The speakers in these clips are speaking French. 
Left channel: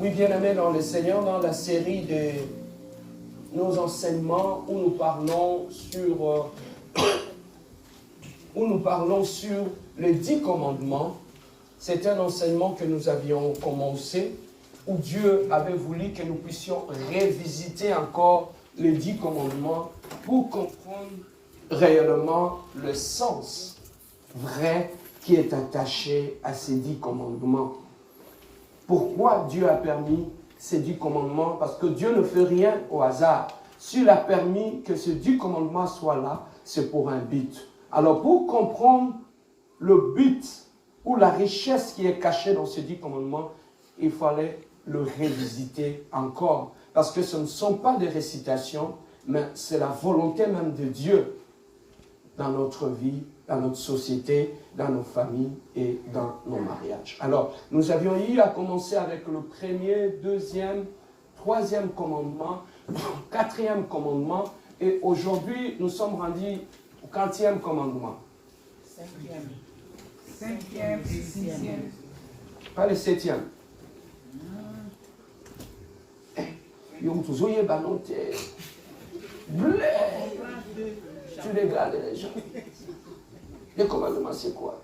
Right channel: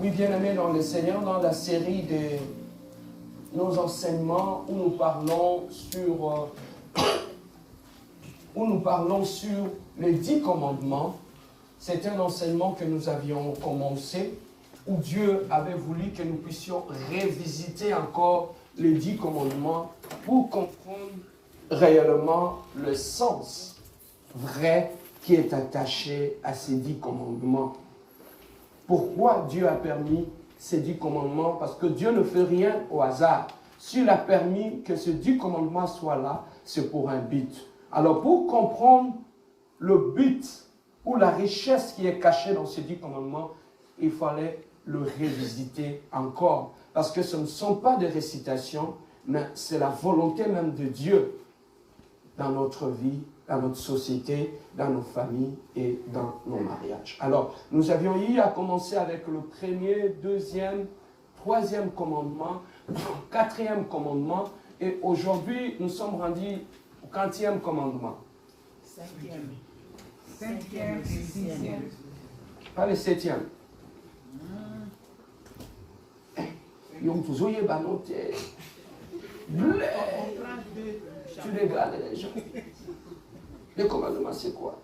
Oui, bien-aimés dans le Seigneur, dans la série de nos enseignements où nous parlons sur les 10 commandements. C'est un enseignement que nous avions commencé où Dieu avait voulu que nous puissions revisiter encore les 10 commandements pour comprendre réellement le sens vrai qui est attaché à ces 10 commandements. Pourquoi Dieu a permis ces 10 commandements? Parce que Dieu ne fait rien au hasard. S'il a permis que ces 10 commandements soient là, c'est pour un but. Alors pour comprendre le but ou la richesse qui est cachée dans ces 10 commandements, il fallait le revisiter encore. Parce que ce ne sont pas des récitations, mais c'est la volonté même de Dieu dans notre vie, dans notre société, dans nos familles et dans nos mariages. Alors, nous avions eu à commencer avec le premier, deuxième, troisième commandement, quatrième commandement, et aujourd'hui, nous sommes rendus au 40e commandement. Cinquième et sixième. Pas le 7e. Tu régales les gens. Les commandements, c'est quoi?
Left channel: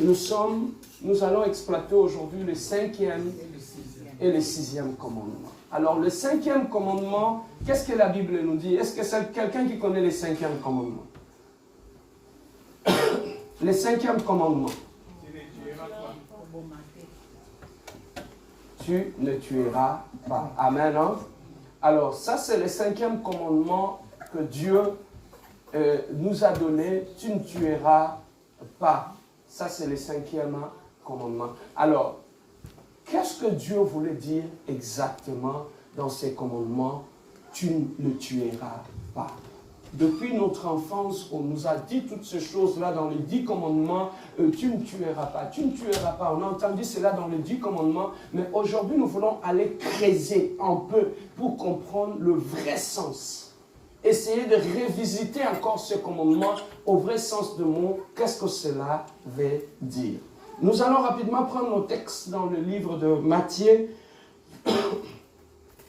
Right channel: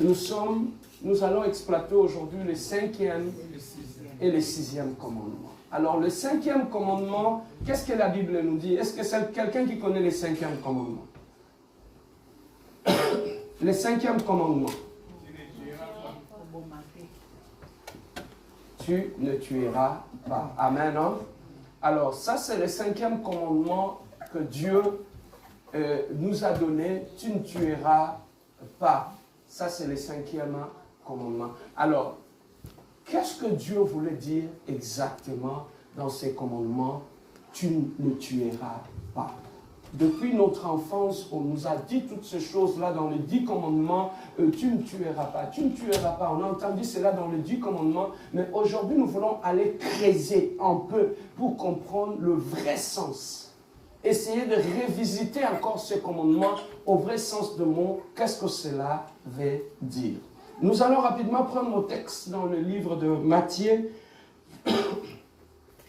Nous allons exploiter aujourd'hui le 5e et le 6e commandement. Alors, le 5e commandement, qu'est-ce que la Bible nous dit? Est-ce que c'est quelqu'un qui connaît le 5e commandement? Le 5e commandement. Tu ne tueras pas. Amen. Hein? Alors, ça, c'est le 5e commandement que Dieu nous a donné. Tu ne tueras pas. Ça, c'est le 5e commandement. Alors, qu'est-ce que Dieu voulait dire exactement dans ces commandements? Tu ne tueras pas. Depuis notre enfance, on nous a dit toutes ces choses-là dans les 10 commandements. Tu ne tueras pas, tu ne tueras pas. On a entendu cela dans les 10 commandements. Mais aujourd'hui, nous voulons aller creuser un peu pour comprendre le vrai sens. Essayer de revisiter encore ce commandement au vrai sens de mot. Qu'est-ce que cela veut dire? Nous allons rapidement prendre nos textes dans le livre de Matthieu.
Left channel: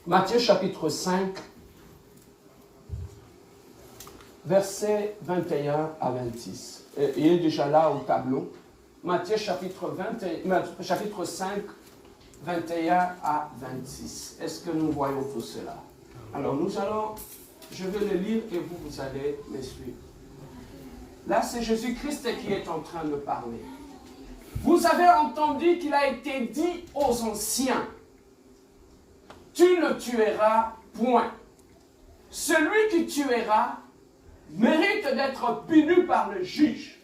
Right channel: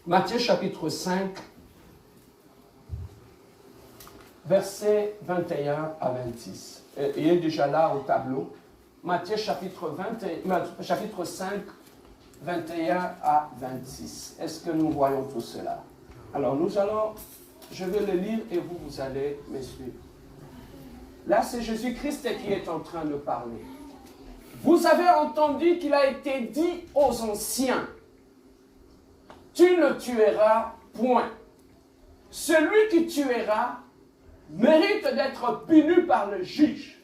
Matthieu chapitre 5. Versets 21 à 26. Il est déjà là au tableau. Matthieu chapitre 5, 21 à 26. Est-ce que nous voyons tout cela? Alors je vais le lire et vous allez me suivre. Là, c'est Jésus-Christ qui est en train de parler. Vous avez entendu qu'il a été dit aux anciens, tu ne tueras point. Celui qui tuera mérite d'être puni par le juge.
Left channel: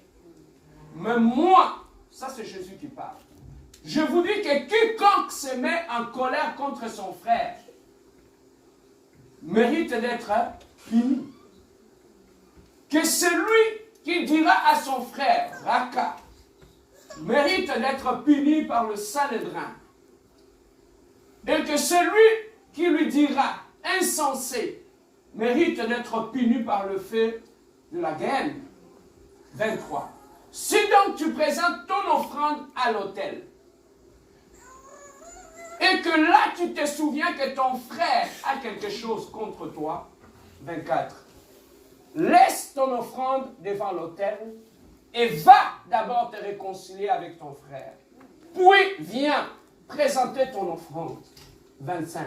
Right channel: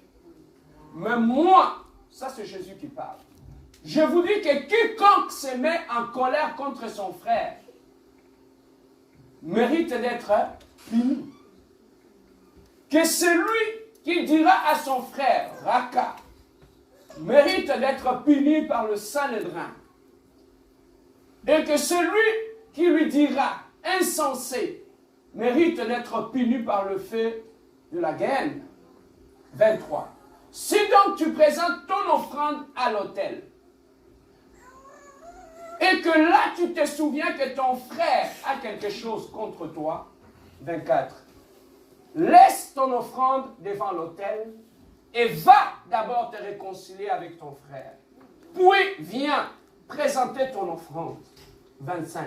Mais moi, ça c'est Jésus qui parle, je vous dis que quiconque se met en colère contre son frère mérite d'être puni. Que celui qui dira à son frère, Raka, mérite d'être puni par le Sanhédrin. Et que celui qui lui dira, insensé, mérite d'être puni par le feu de la guerre. 23. Si donc tu présentes ton offrande à l'autel, et que là tu te souviens que ton frère a quelque chose contre toi, 24. Laisse ton offrande devant l'autel et va d'abord te réconcilier avec ton frère. Puis viens présenter ton offrande, 25.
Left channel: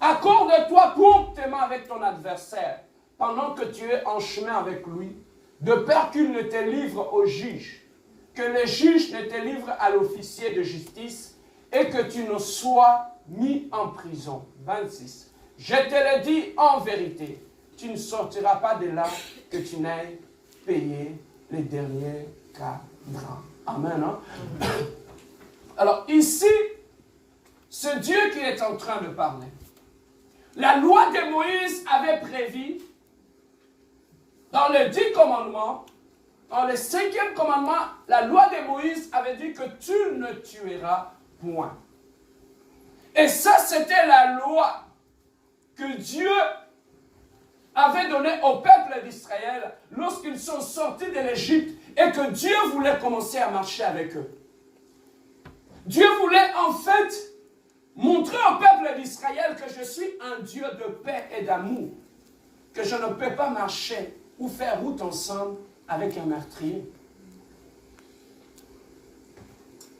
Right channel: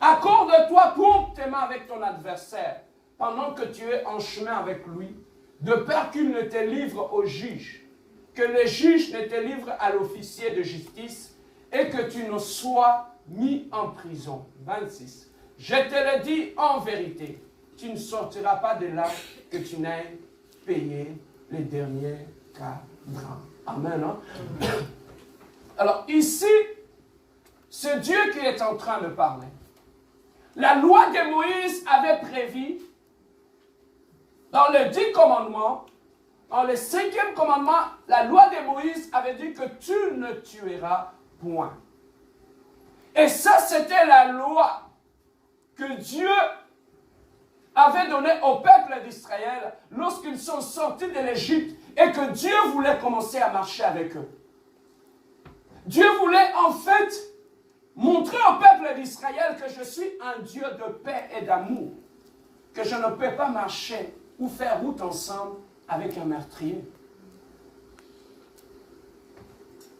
Accorde-toi promptement avec ton adversaire pendant que tu es en chemin avec lui, de peur qu'il ne te livre au juge, que le juge ne te livre à l'officier de justice et que tu ne sois mis en prison. 26. Je te le dis en vérité, tu ne sortiras pas de là que tu n'aies payé les derniers cadrans. Amen. Hein? Alors ici, c'est Dieu qui est en train de parler. La loi de Moïse avait prévu, dans les 10 commandements, dans le 5e commandement, la loi de Moïse avait dit que tu ne tueras point. Et ça, c'était la loi que Dieu avait donnée au peuple d'Israël lorsqu'ils sont sortis de l'Égypte et que Dieu voulait commencer à marcher avec eux. Dieu voulait en fait montrer au peuple d'Israël que je suis un Dieu de paix et d'amour, que je ne peux pas marcher ou faire route ensemble avec un meurtrier.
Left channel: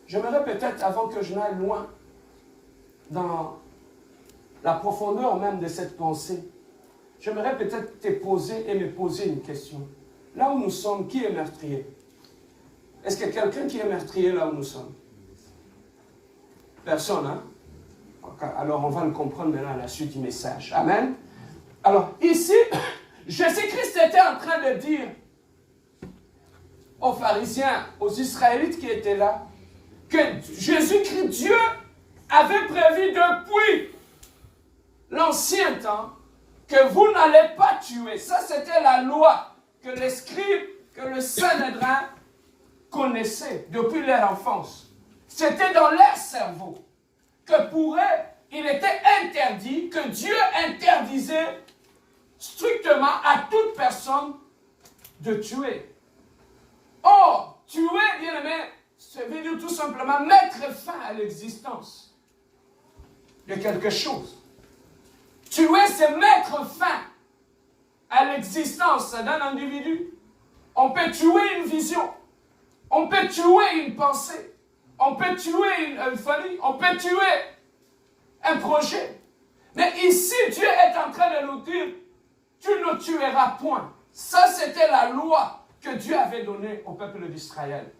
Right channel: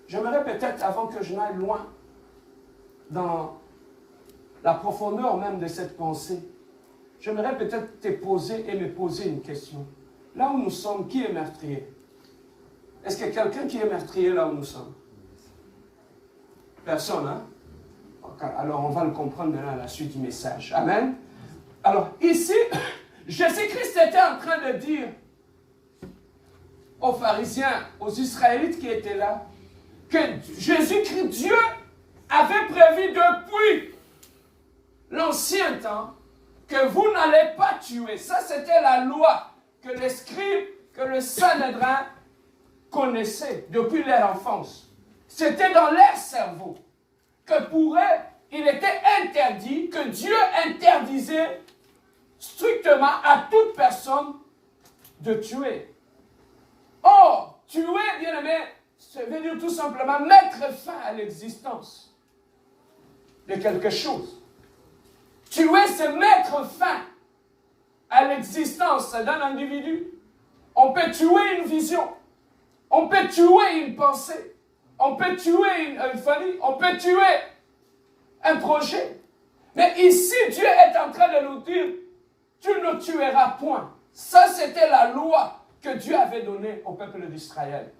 J'aimerais peut-être, avant que je n'aille loin, dans la profondeur même de cette pensée, j'aimerais peut-être te poser et me poser une question. Là où nous sommes, qui est meurtrier? Est-ce qu'il y a quelqu'un qui est meurtrier là où nous sommes? Personne, hein? Alors on va le comprendre maintenant à la suite du message. Amen. Alors ici, Jésus-Christ était en train de dire aux pharisiens, aux Israélites qui étaient là, que Jésus-Christ, Dieu, avait prévu depuis l'ancien temps que vous n'allez pas tuer. Ça, c'était la loi que les scribes, que le Sanhédrin connaissaient depuis leur enfance. C'était dans leur cerveau que pour eux, il était interdit, que Dieu interdisait strictement à toute personne de tuer. Or, tuer, bien aimé, ça veut dire tout simplement mettre fin à l'existence de quelque chose. Tuer, c'est mettre fin à l'existence d'un individu. On peut tuer une vision. On peut tuer une pensée. On peut tuer une famille. On peut tuer un projet. Mais ici, Dieu est en train de nous dire, tu ne tueras point. Ça, c'était la loi que Dieu avait donnée au peuple d'Israël.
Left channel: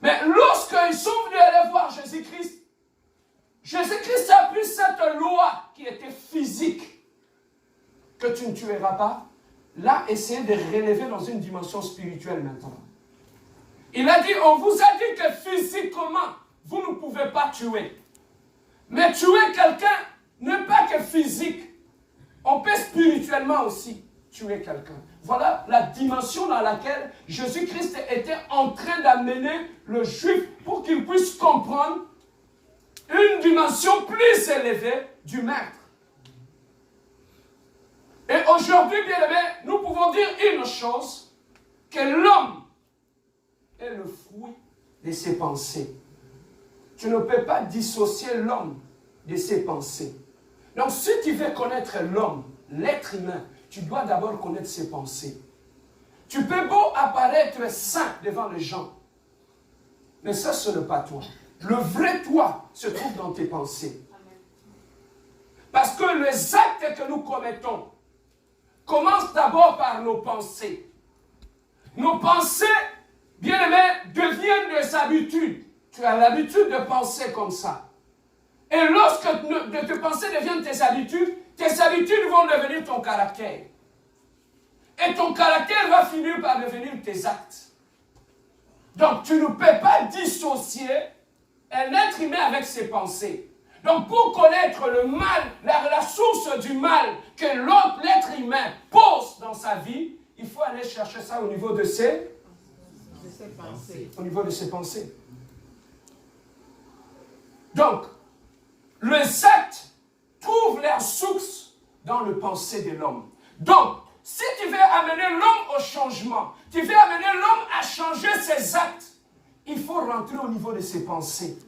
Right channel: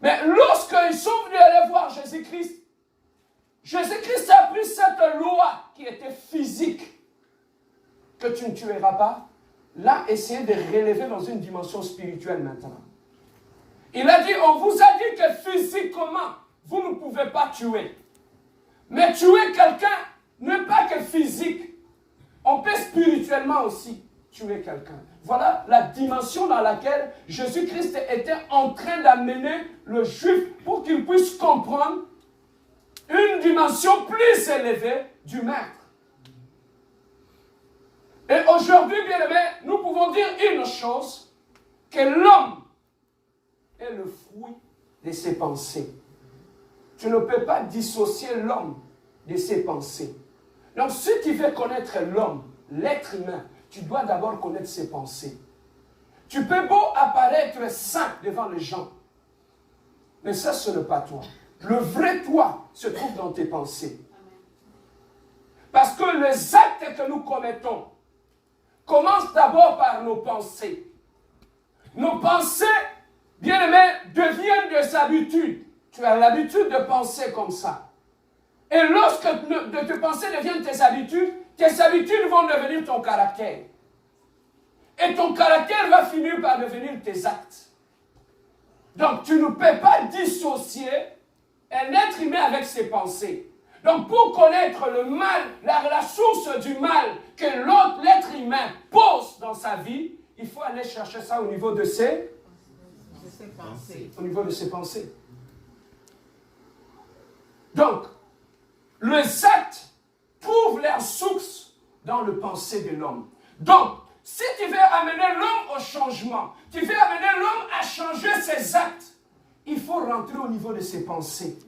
Mais lorsqu'ils sont venus aller voir Jésus-Christ, Jésus-Christ a pris cette loi qui était physique, que tu ne tueras pas, l'a essayé de relever dans une dimension spirituelle maintenant. Il a dit, on vous a dit que physiquement, vous ne pouvez pas tuer. Mais tuer quelqu'un n'est pas que physique. On peut spirituellement aussi tuer quelqu'un. Voilà la dimension dans laquelle Jésus-Christ était en train d'amener le juif pour qu'il puisse comprendre une dimension plus élevée du maître. Et aujourd'hui, bien aimé, nous pouvons dire une chose, que l'homme est le fruit de ses pensées. Tu ne peux pas dissocier l'homme de ses pensées. Donc, si tu veux connaître l'homme, l'être humain, tu dois d'abord connaître ses pensées. Tu peux beau apparaître saint devant les gens, mais ça, ce n'est pas toi. Le vrai toi se trouve dans tes pensées. Parce que les actes que nous commettons commencent d'abord par nos pensées. Nos pensées, bien aimés, deviennent des habitudes. Tu as l'habitude de penser comme ça. Et lorsque tes pensées deviennent tes habitudes vont devenir ton caractère. Et ton caractère va finir par devenir tes actes. Donc tu ne peux pas dissocier un être humain avec ses pensées. Donc pour connaître le mal, la source du mal que l'être humain pose dans sa vie, il faut aller chercher ça au niveau de ses pensées. Au niveau de ses pensées. Donc, les actes trouvent leur source dans le pensée de l'homme. Donc, si tu veux amener l'homme au changement, tu veux amener l'homme à changer ses actes, il faut rentrer au niveau de ses pensées.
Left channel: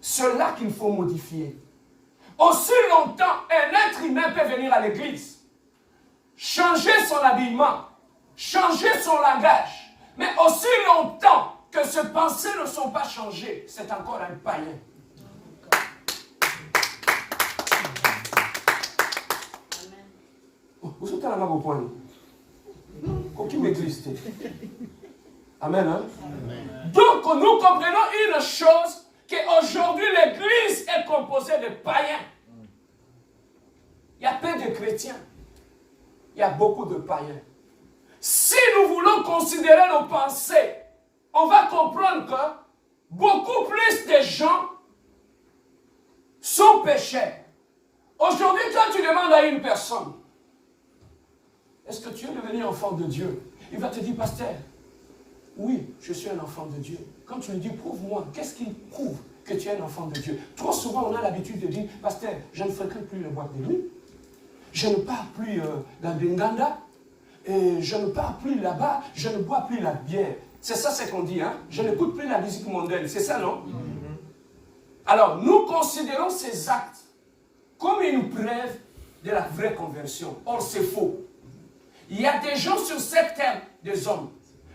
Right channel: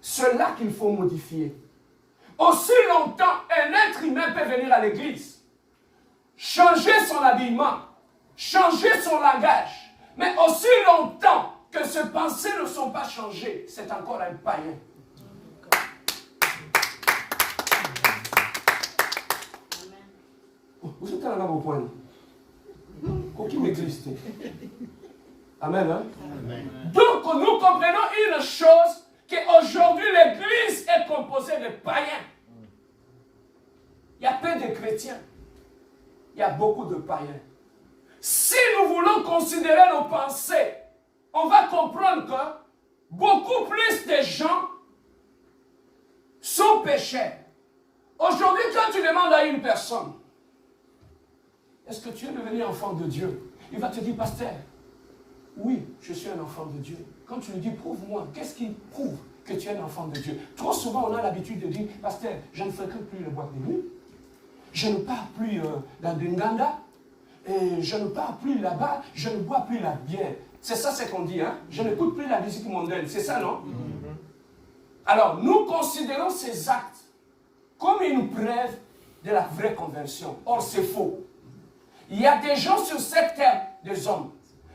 C'est là qu'il faut modifier. Aussi longtemps, un être humain peut venir à l'église, changer son habillement, changer son langage, mais aussi longtemps que ses pensées ne sont pas changées, c'est encore un païen. Vous êtes là au point. Aucune église. Amen, hein? Amen. Donc, nous comprenons une chose, qu'aujourd'hui, l'église est composée de païens. Il y a peu de chrétiens. Il y a beaucoup de païens. Si nous voulons considérer nos pensées, on va comprendre que beaucoup plus de gens sont pécheurs. Aujourd'hui, quand tu demandes à une personne, est-ce que tu es devenu enfant de Dieu? Il va te dire, pasteur, oui, je suis un enfant de Dieu. Quand tu lui dis, prouve-moi, qu'est-ce qui prouve que tu es un enfant de Dieu? Trop souvent, on a l'habitude de dire, pasteur, je ne fréquente plus le boîte de nuit, je ne pars plus dans le Nganda, et je ne pars plus là-bas, je ne bois plus la bière. C'est ça ce qu'on dit, hein? Je n'écoute plus la musique mondaine, c'est ça, non? Alors, nous considérons ces actes comme une preuve de la vraie conversion. Or, c'est faux. Il y a des gens sur cette terre, des hommes,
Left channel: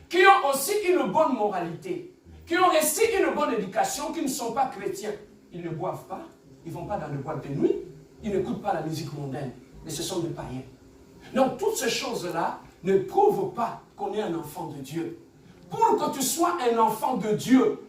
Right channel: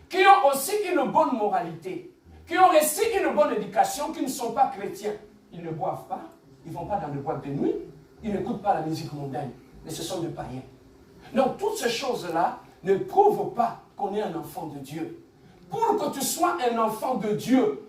qui ont aussi une bonne moralité, qui ont reçu une bonne éducation, qui ne sont pas chrétiens. Ils ne boivent pas, ils ne vont pas dans les boîtes de nuit, ils n'écoutent pas la musique mondaine, mais ce sont des païens. Donc, toutes ces choses-là ne prouvent pas qu'on est un enfant de Dieu. Pour que tu sois un enfant de Dieu,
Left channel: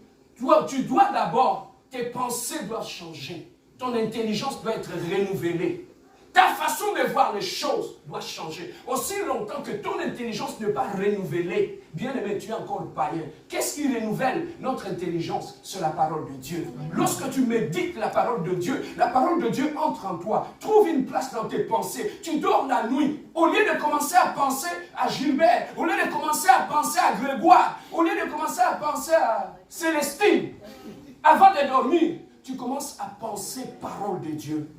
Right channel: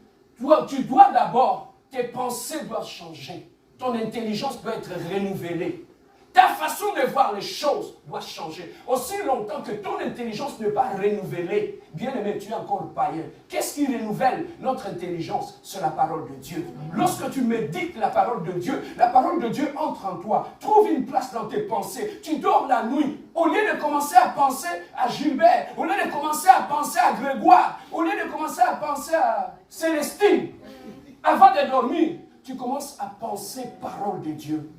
tu dois d'abord, tes pensées doivent changer. Ton intelligence doit être renouvelée. Ta façon de voir les choses doit changer. Aussi longtemps que ton intelligence n'est pas renouvelée, bien aimé, tu es encore païen. Qu'est-ce qui renouvelle notre intelligence? C'est la parole de Dieu. Lorsque tu médites la parole de Dieu entre en toi. Trouve une place dans tes pensées. Tu dors la nuit. Au lieu de commencer à penser à Gilbert, au lieu de commencer à penser à Grégoire, au lieu de commencer à penser à Célestine, avant de dormir, tu commences à penser parole de Dieu.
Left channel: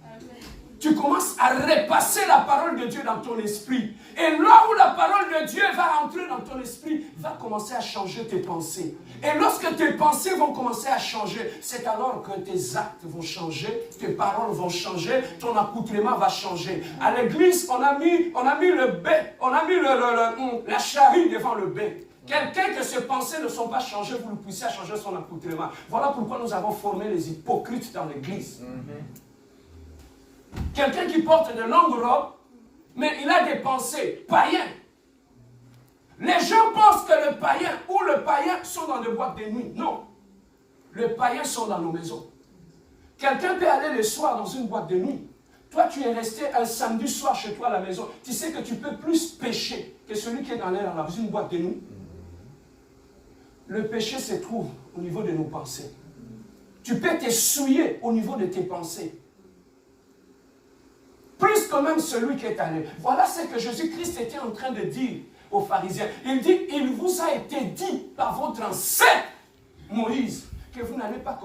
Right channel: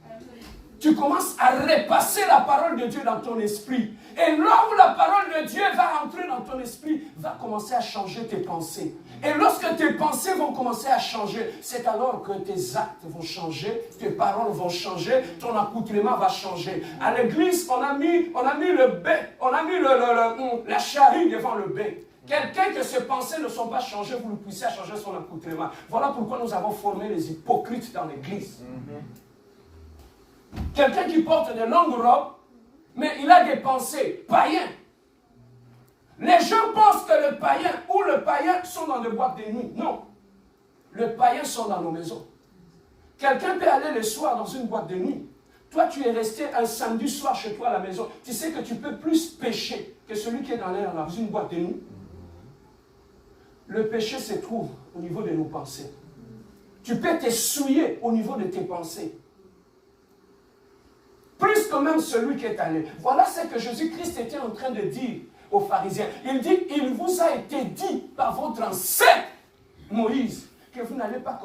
Tu commences à repasser la parole de Dieu dans ton esprit. Et là où la parole de Dieu va entrer dans ton esprit, va commencer à changer tes pensées. Et lorsque tes pensées vont commencer à changer, c'est alors que tes actes vont changer, tes paroles vont changer, ton accoutrement va changer. À l'église, on a mis le bœuf, on a mis la charrue devant le bœuf. Quelqu'un que ses pensées ne sont pas changées, vous le poussez à changer son accoutrement. Voilà pourquoi nous avons formé les hypocrites dans l'église. Quelqu'un qui porte de longues robes, mais il a des pensées païennes. Les gens pensent que le païen ou le païen sont dans des boîtes de nuit. Non. Les païens sont dans nos maisons. Quelqu'un peut aller le soir dans une boîte de nuit. Toi, tu es resté un samedi soir chez toi à la maison. Tu sais que tu peux plus pécher que celui qui est dans l'air dans une boîte de nuit. Le péché se trouve au niveau de nos pensées. Tu peux te souiller au niveau de tes pensées. Plus que même celui qui est allé. Voilà ce que Jésus-Christ était en train de dire aux pharisiens. Il dit, il vous a été dit par votre ancêtre Moïse que vous n'allez pas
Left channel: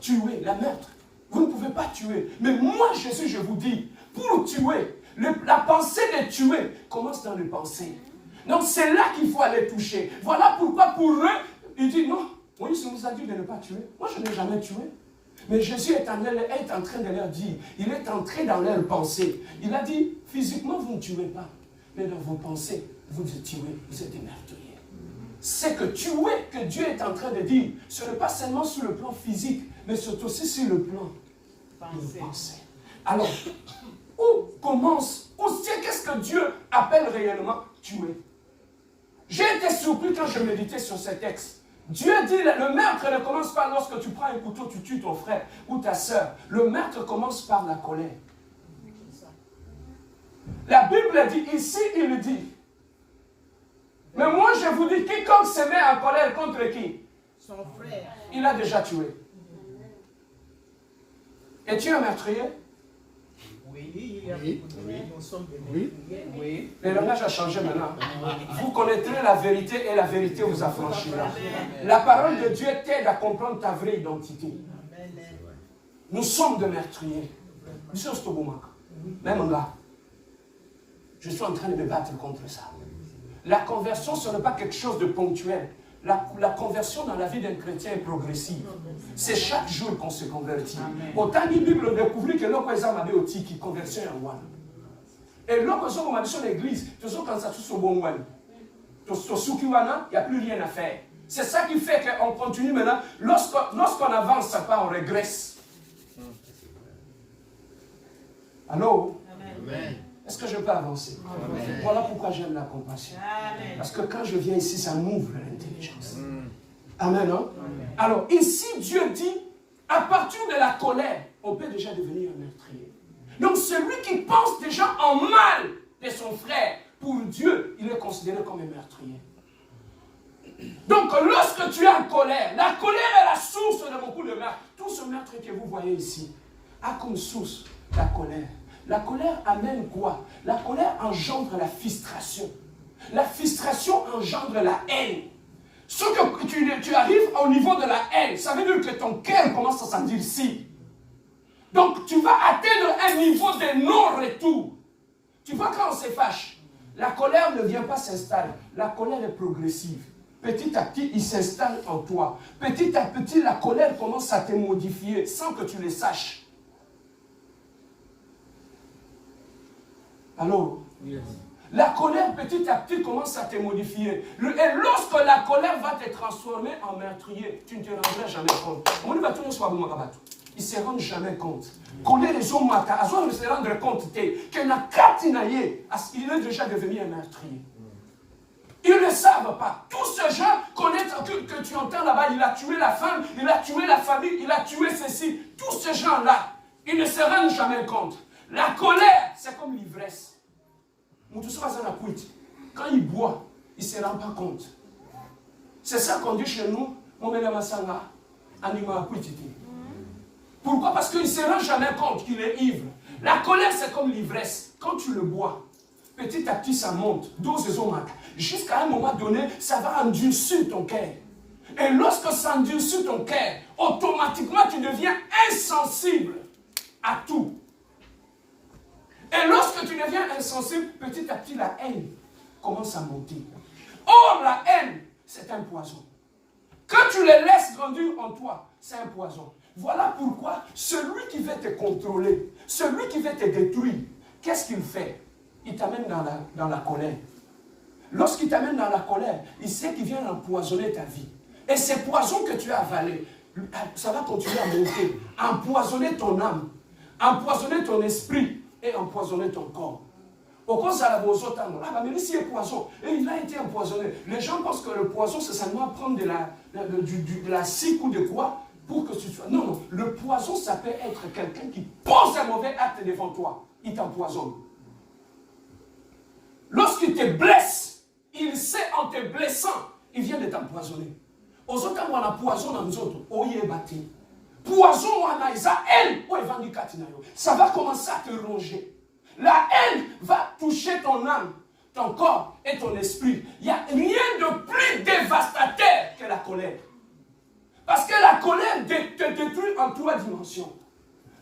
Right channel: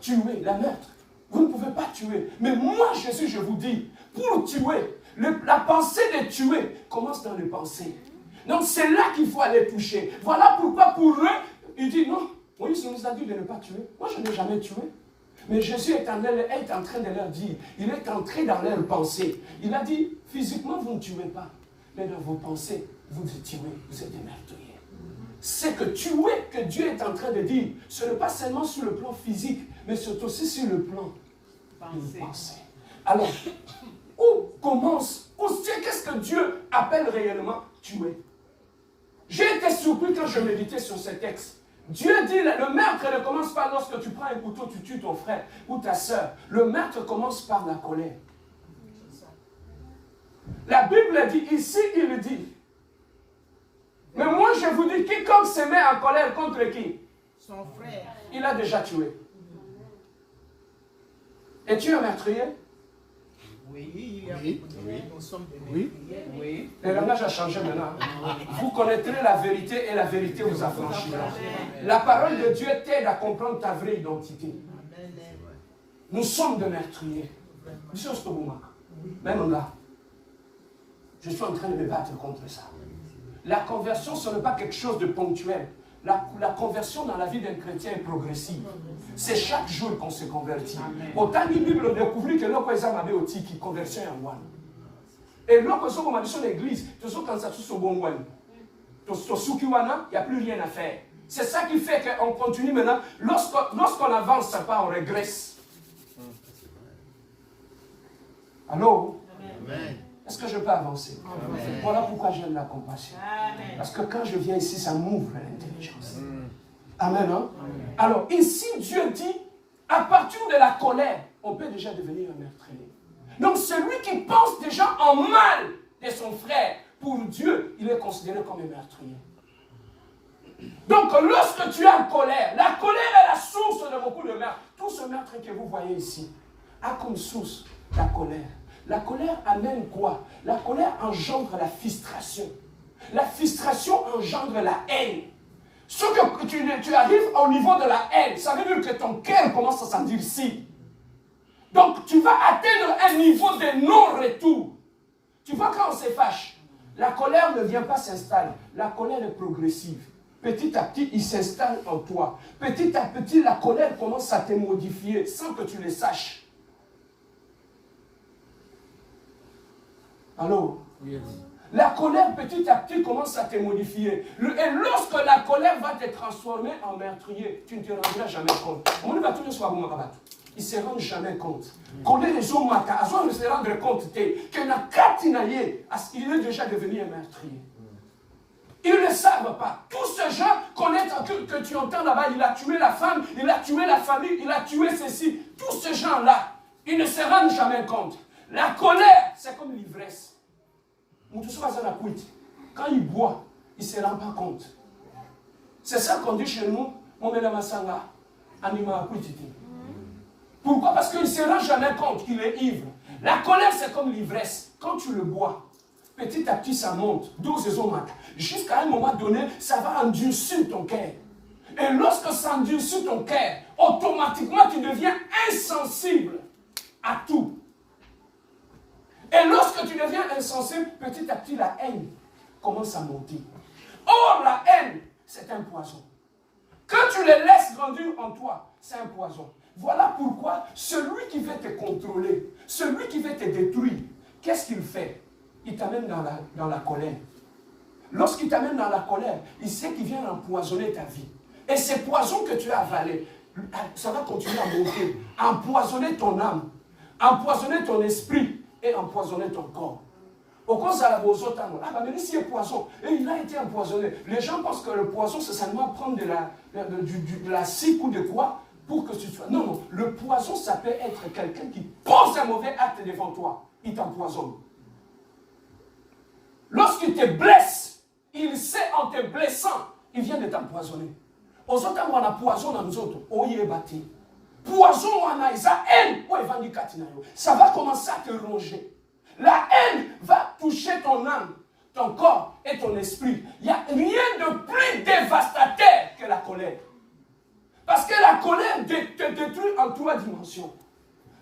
tuer, la meurtre. Vous ne pouvez pas tuer. Mais moi, Jésus, je vous dis, pour tuer, la pensée de tuer commence dans les pensées. Donc c'est là qu'il faut aller toucher. Voilà pourquoi pour eux, il dit non, Moïse nous a dit de ne pas tuer. Moi, je n'ai jamais tué. Mais Jésus est en train de leur dire, il est entré dans leurs pensées. Il a dit, physiquement, vous ne tuez pas. Mais dans vos pensées, vous tuez, vous êtes des meurtriers. C'est que tuer que Dieu est en train de dire, ce n'est pas seulement sur le plan physique, mais c'est aussi sur le plan de pensée. Alors, qu'est-ce que Dieu appelle réellement tuer? J'ai été surpris quand je méditais sur ce texte. Dieu dit, le meurtre ne commence pas lorsque tu prends un couteau, tu tues ton frère ou ta soeur. Le meurtre commence par la colère. La Bible dit, ici il dit, mais moi je vous dis, quiconque se met en colère contre qui? Son frère. Il a déjà tué. Es-tu un meurtrier? Oui. Nous sommes des meurtriers. Oui. Le langage a changé maintenant. Vous connaîtrez la vérité et la vérité vous affranchira. La parole de Dieu t'aide à comprendre ta vraie identité. Nous sommes des meurtriers. Monsieur Stoboumak, même là, je suis en train de me battre contre ça. La conversion, ce n'est pas quelque chose de ponctuel. La conversion dans la vie d'un chrétien est progressive. C'est chaque jour qu'on se convertit. Autant la Bible découvre que l'on peut avoir aussi qui conversion en one. Et l'on peut avoir sur l'église, tout ça quand ça se bon one. Tout ce qui il n'y a plus rien à faire. C'est ça qui fait qu'on continue maintenant. Lorsqu'on avance, ça part, on régresse. Allô? Amen. Est-ce que je peux avancer? Amen. Voilà pourquoi j'aime la compassion. Amen. Parce que quand je viens ici, ça m'ouvre l'intelligence. Amen, non? Amen. Alors, ici, Dieu dit, à partir de la colère, on peut déjà devenir un meurtrier. Donc, celui qui pense déjà en mal de son frère, pour Dieu, il est considéré comme un meurtrier. Donc, lorsque tu es en colère, la colère est la source de beaucoup de meurtres. Tout ce meurtre que vous voyez ici a comme source la colère. La colère amène quoi? La colère engendre la frustration. La frustration engendre la haine. Ce que tu arrives au niveau de la haine, ça veut dire que ton cœur commence à s'endurcir. Donc tu vas atteindre un niveau de non-retour. Tu vois quand on se fâche, la colère ne vient pas s'installer. La colère est progressive. petit à petit, il s'installe en toi. Petit à petit, la colère commence à te modifier sans que tu le saches. Allô? Yes. La colère, petit à petit, commence à te modifier. Et lorsque la colère va te transformer en meurtrier, tu ne te rendras jamais compte. Il ne se rend jamais compte. Colère les hommes, ne se rendre compte que il est déjà devenu un meurtrier. Ils ne savent pas. Tous ces gens connaissent que tu entends là-bas, il a tué la femme, il a tué la famille, il a tué ceci. Tous ces gens-là, ils ne se rendent jamais compte. La colère, c'est comme l'ivresse. Quand il boit, il ne se rend pas compte. C'est ça qu'on dit chez nous, pourquoi? Parce qu'il ne se rend jamais compte qu'il est ivre. La colère, c'est comme l'ivresse. Quand tu le bois, petit à petit, ça monte. Jusqu'à un moment donné, ça va endurcir ton cœur. Et lorsque ça endurcit ton cœur, automatiquement, tu deviens insensible à tout. Et lorsque tu deviens insensible, petit à petit, la haine commence à monter. Or, la haine, c'est un poison. Quand tu le laisses grandir en toi, c'est un poison. Voilà pourquoi celui qui veut te contrôler, celui qui veut te détruire, qu'est-ce qu'il fait? Il t'amène dans la colère. Lorsqu'il t'amène dans la colère, il sait qu'il vient empoisonner ta vie. Et ces poisons que tu as avalés, ça va continuer à monter, empoisonner ton âme, empoisonner ton esprit et empoisonner ton corps. Au cause de la mais ici il y a poison, et il a été empoisonné. Les gens pensent que le poison, c'est seulement prendre de la cique ou de quoi pour que tu sois. Non, non, le poison, ça peut être quelqu'un qui pose un mauvais acte devant toi. Il t'empoisonne. Lorsqu'il te blesse, il sait en te blessant, il vient de t'empoisonner. Aux autres, on a poison dans nous autres. Poison, on a ça, haine, ça va commencer à te ronger. La haine va toucher ton âme, ton corps et ton esprit. Il n'y a rien de plus dévastateur que la colère. Parce que la colère te détruit en 3 dimensions.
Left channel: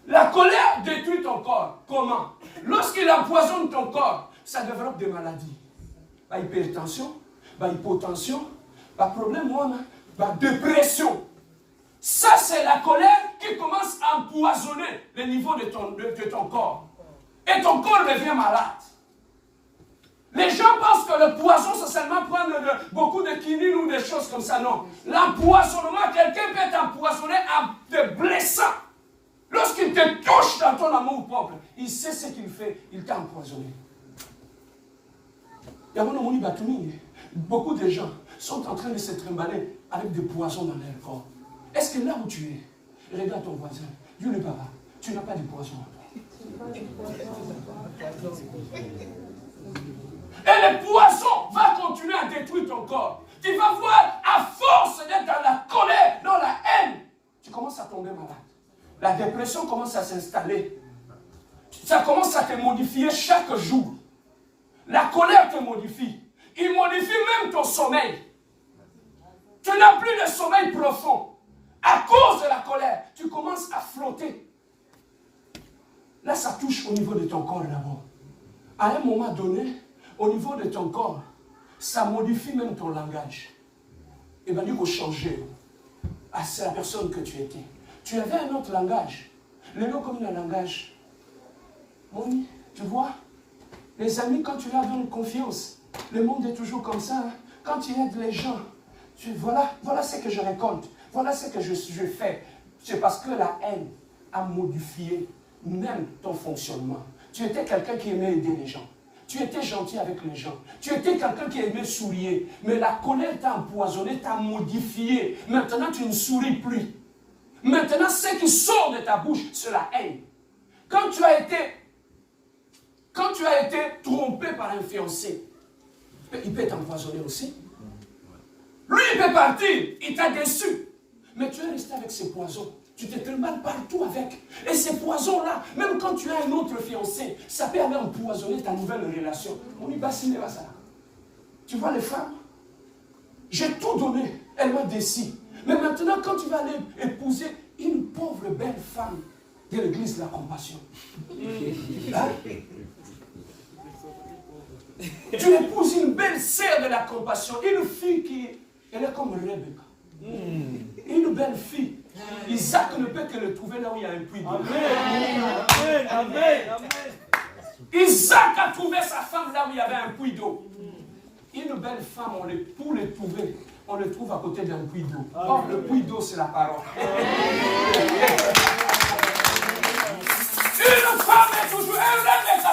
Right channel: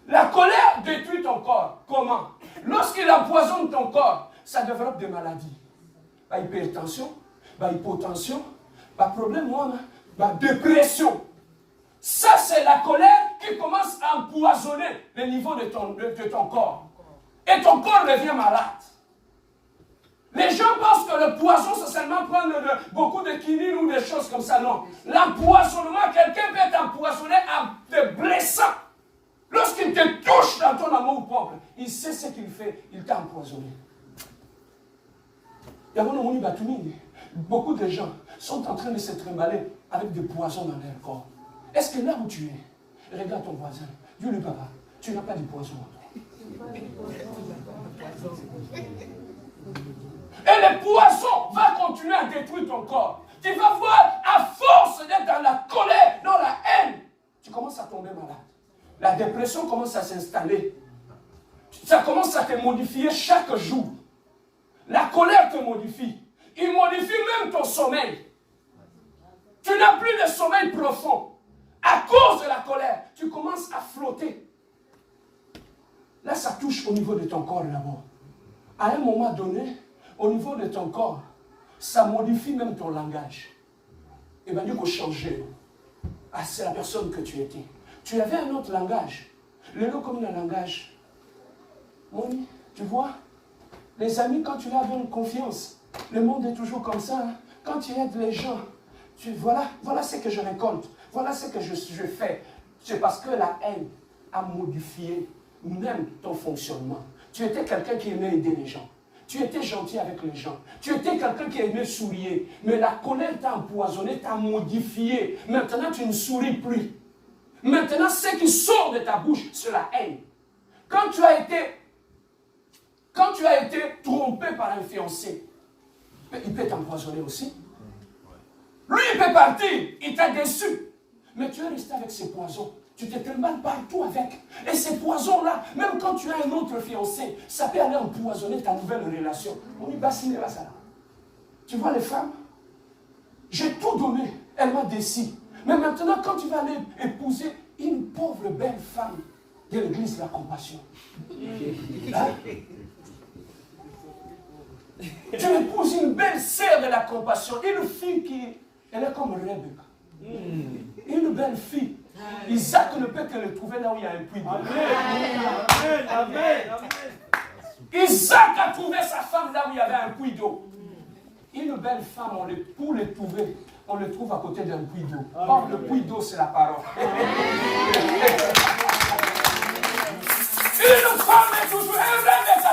La colère détruit ton corps. Comment? Lorsqu'il empoisonne ton corps, ça développe des maladies. Hypertension, hypotension, problème, dépression. Ça, c'est la colère qui commence à empoisonner le niveau de ton corps. Et ton corps devient malade. Les gens pensent que le poison, c'est seulement prendre beaucoup de quinine ou des choses comme ça. Non. L'empoisonnement, quelqu'un peut être empoisonné en te blessant. Lorsqu'il te touche dans ton amour propre, il sait ce qu'il fait. Il t'a empoisonné. Beaucoup de gens sont en train de se trimballer avec des poisons dans leur corps. Est-ce que là où tu es, regarde ton voisin, Dieu le papa, tu n'as pas de poison. Et le poison va continuer à détruire ton corps. Tu vas voir, à force d'être dans la colère, dans la haine, tu commences à tomber malade. La dépression commence à s'installer. Ça commence à te modifier chaque jour. La colère te modifie. Il modifie même ton sommeil. Tu n'as plus de sommeil profond. À cause de la colère, tu commences à flotter. Là, ça touche au niveau de ton corps d'abord. À un moment donné, au niveau de ton corps, ça modifie même ton langage. Et bien, du coup, changer. Ah, c'est la personne que tu étais. Tu avais un autre langage. Le nom comme un langage. Oui, tu vois, les amis, quand tu leur donnes confiance, le monde est toujours comme ça. Hein? Quand tu aides les gens, voilà ce que je récolte. Voilà ce que je fais. C'est parce que la haine a modifié même ton fonctionnement. Tu étais quelqu'un qui aimait aider les gens. Tu étais gentil avec les gens. Tu étais quelqu'un qui aimait sourire. Mais la colère t'a empoisonné, t'a modifié. Maintenant, tu ne souris plus. Maintenant, ce qui sort de ta bouche, c'est la haine. Quand tu as été trompé par un fiancé, il peut t'empoisonner aussi. Lui, il peut partir. Il t'a déçu. Mais tu es resté avec ces poisons. Tu te trimbales partout avec. Et ces poisons-là, même quand tu as un autre fiancé, ça peut aller empoisonner ta nouvelle relation. On y bassine ça. Tu vois les femmes? J'ai tout donné. Elle m'a déçu. Mais maintenant, quand tu vas aller épouser une pauvre belle femme de l'église de la compassion, hein? Tu épouses une belle sœur de la compassion, une fille Elle est comme Rebecca. Une belle fille. Isaac ne peut que le trouver là où il y a un puits d'eau. Isaac a trouvé sa femme là où il y avait un puits d'eau. Une belle femme, pour les trouver, on le trouve à côté d'un puits d'eau. Or, le puits d'eau, c'est la parole. Une femme est toujours.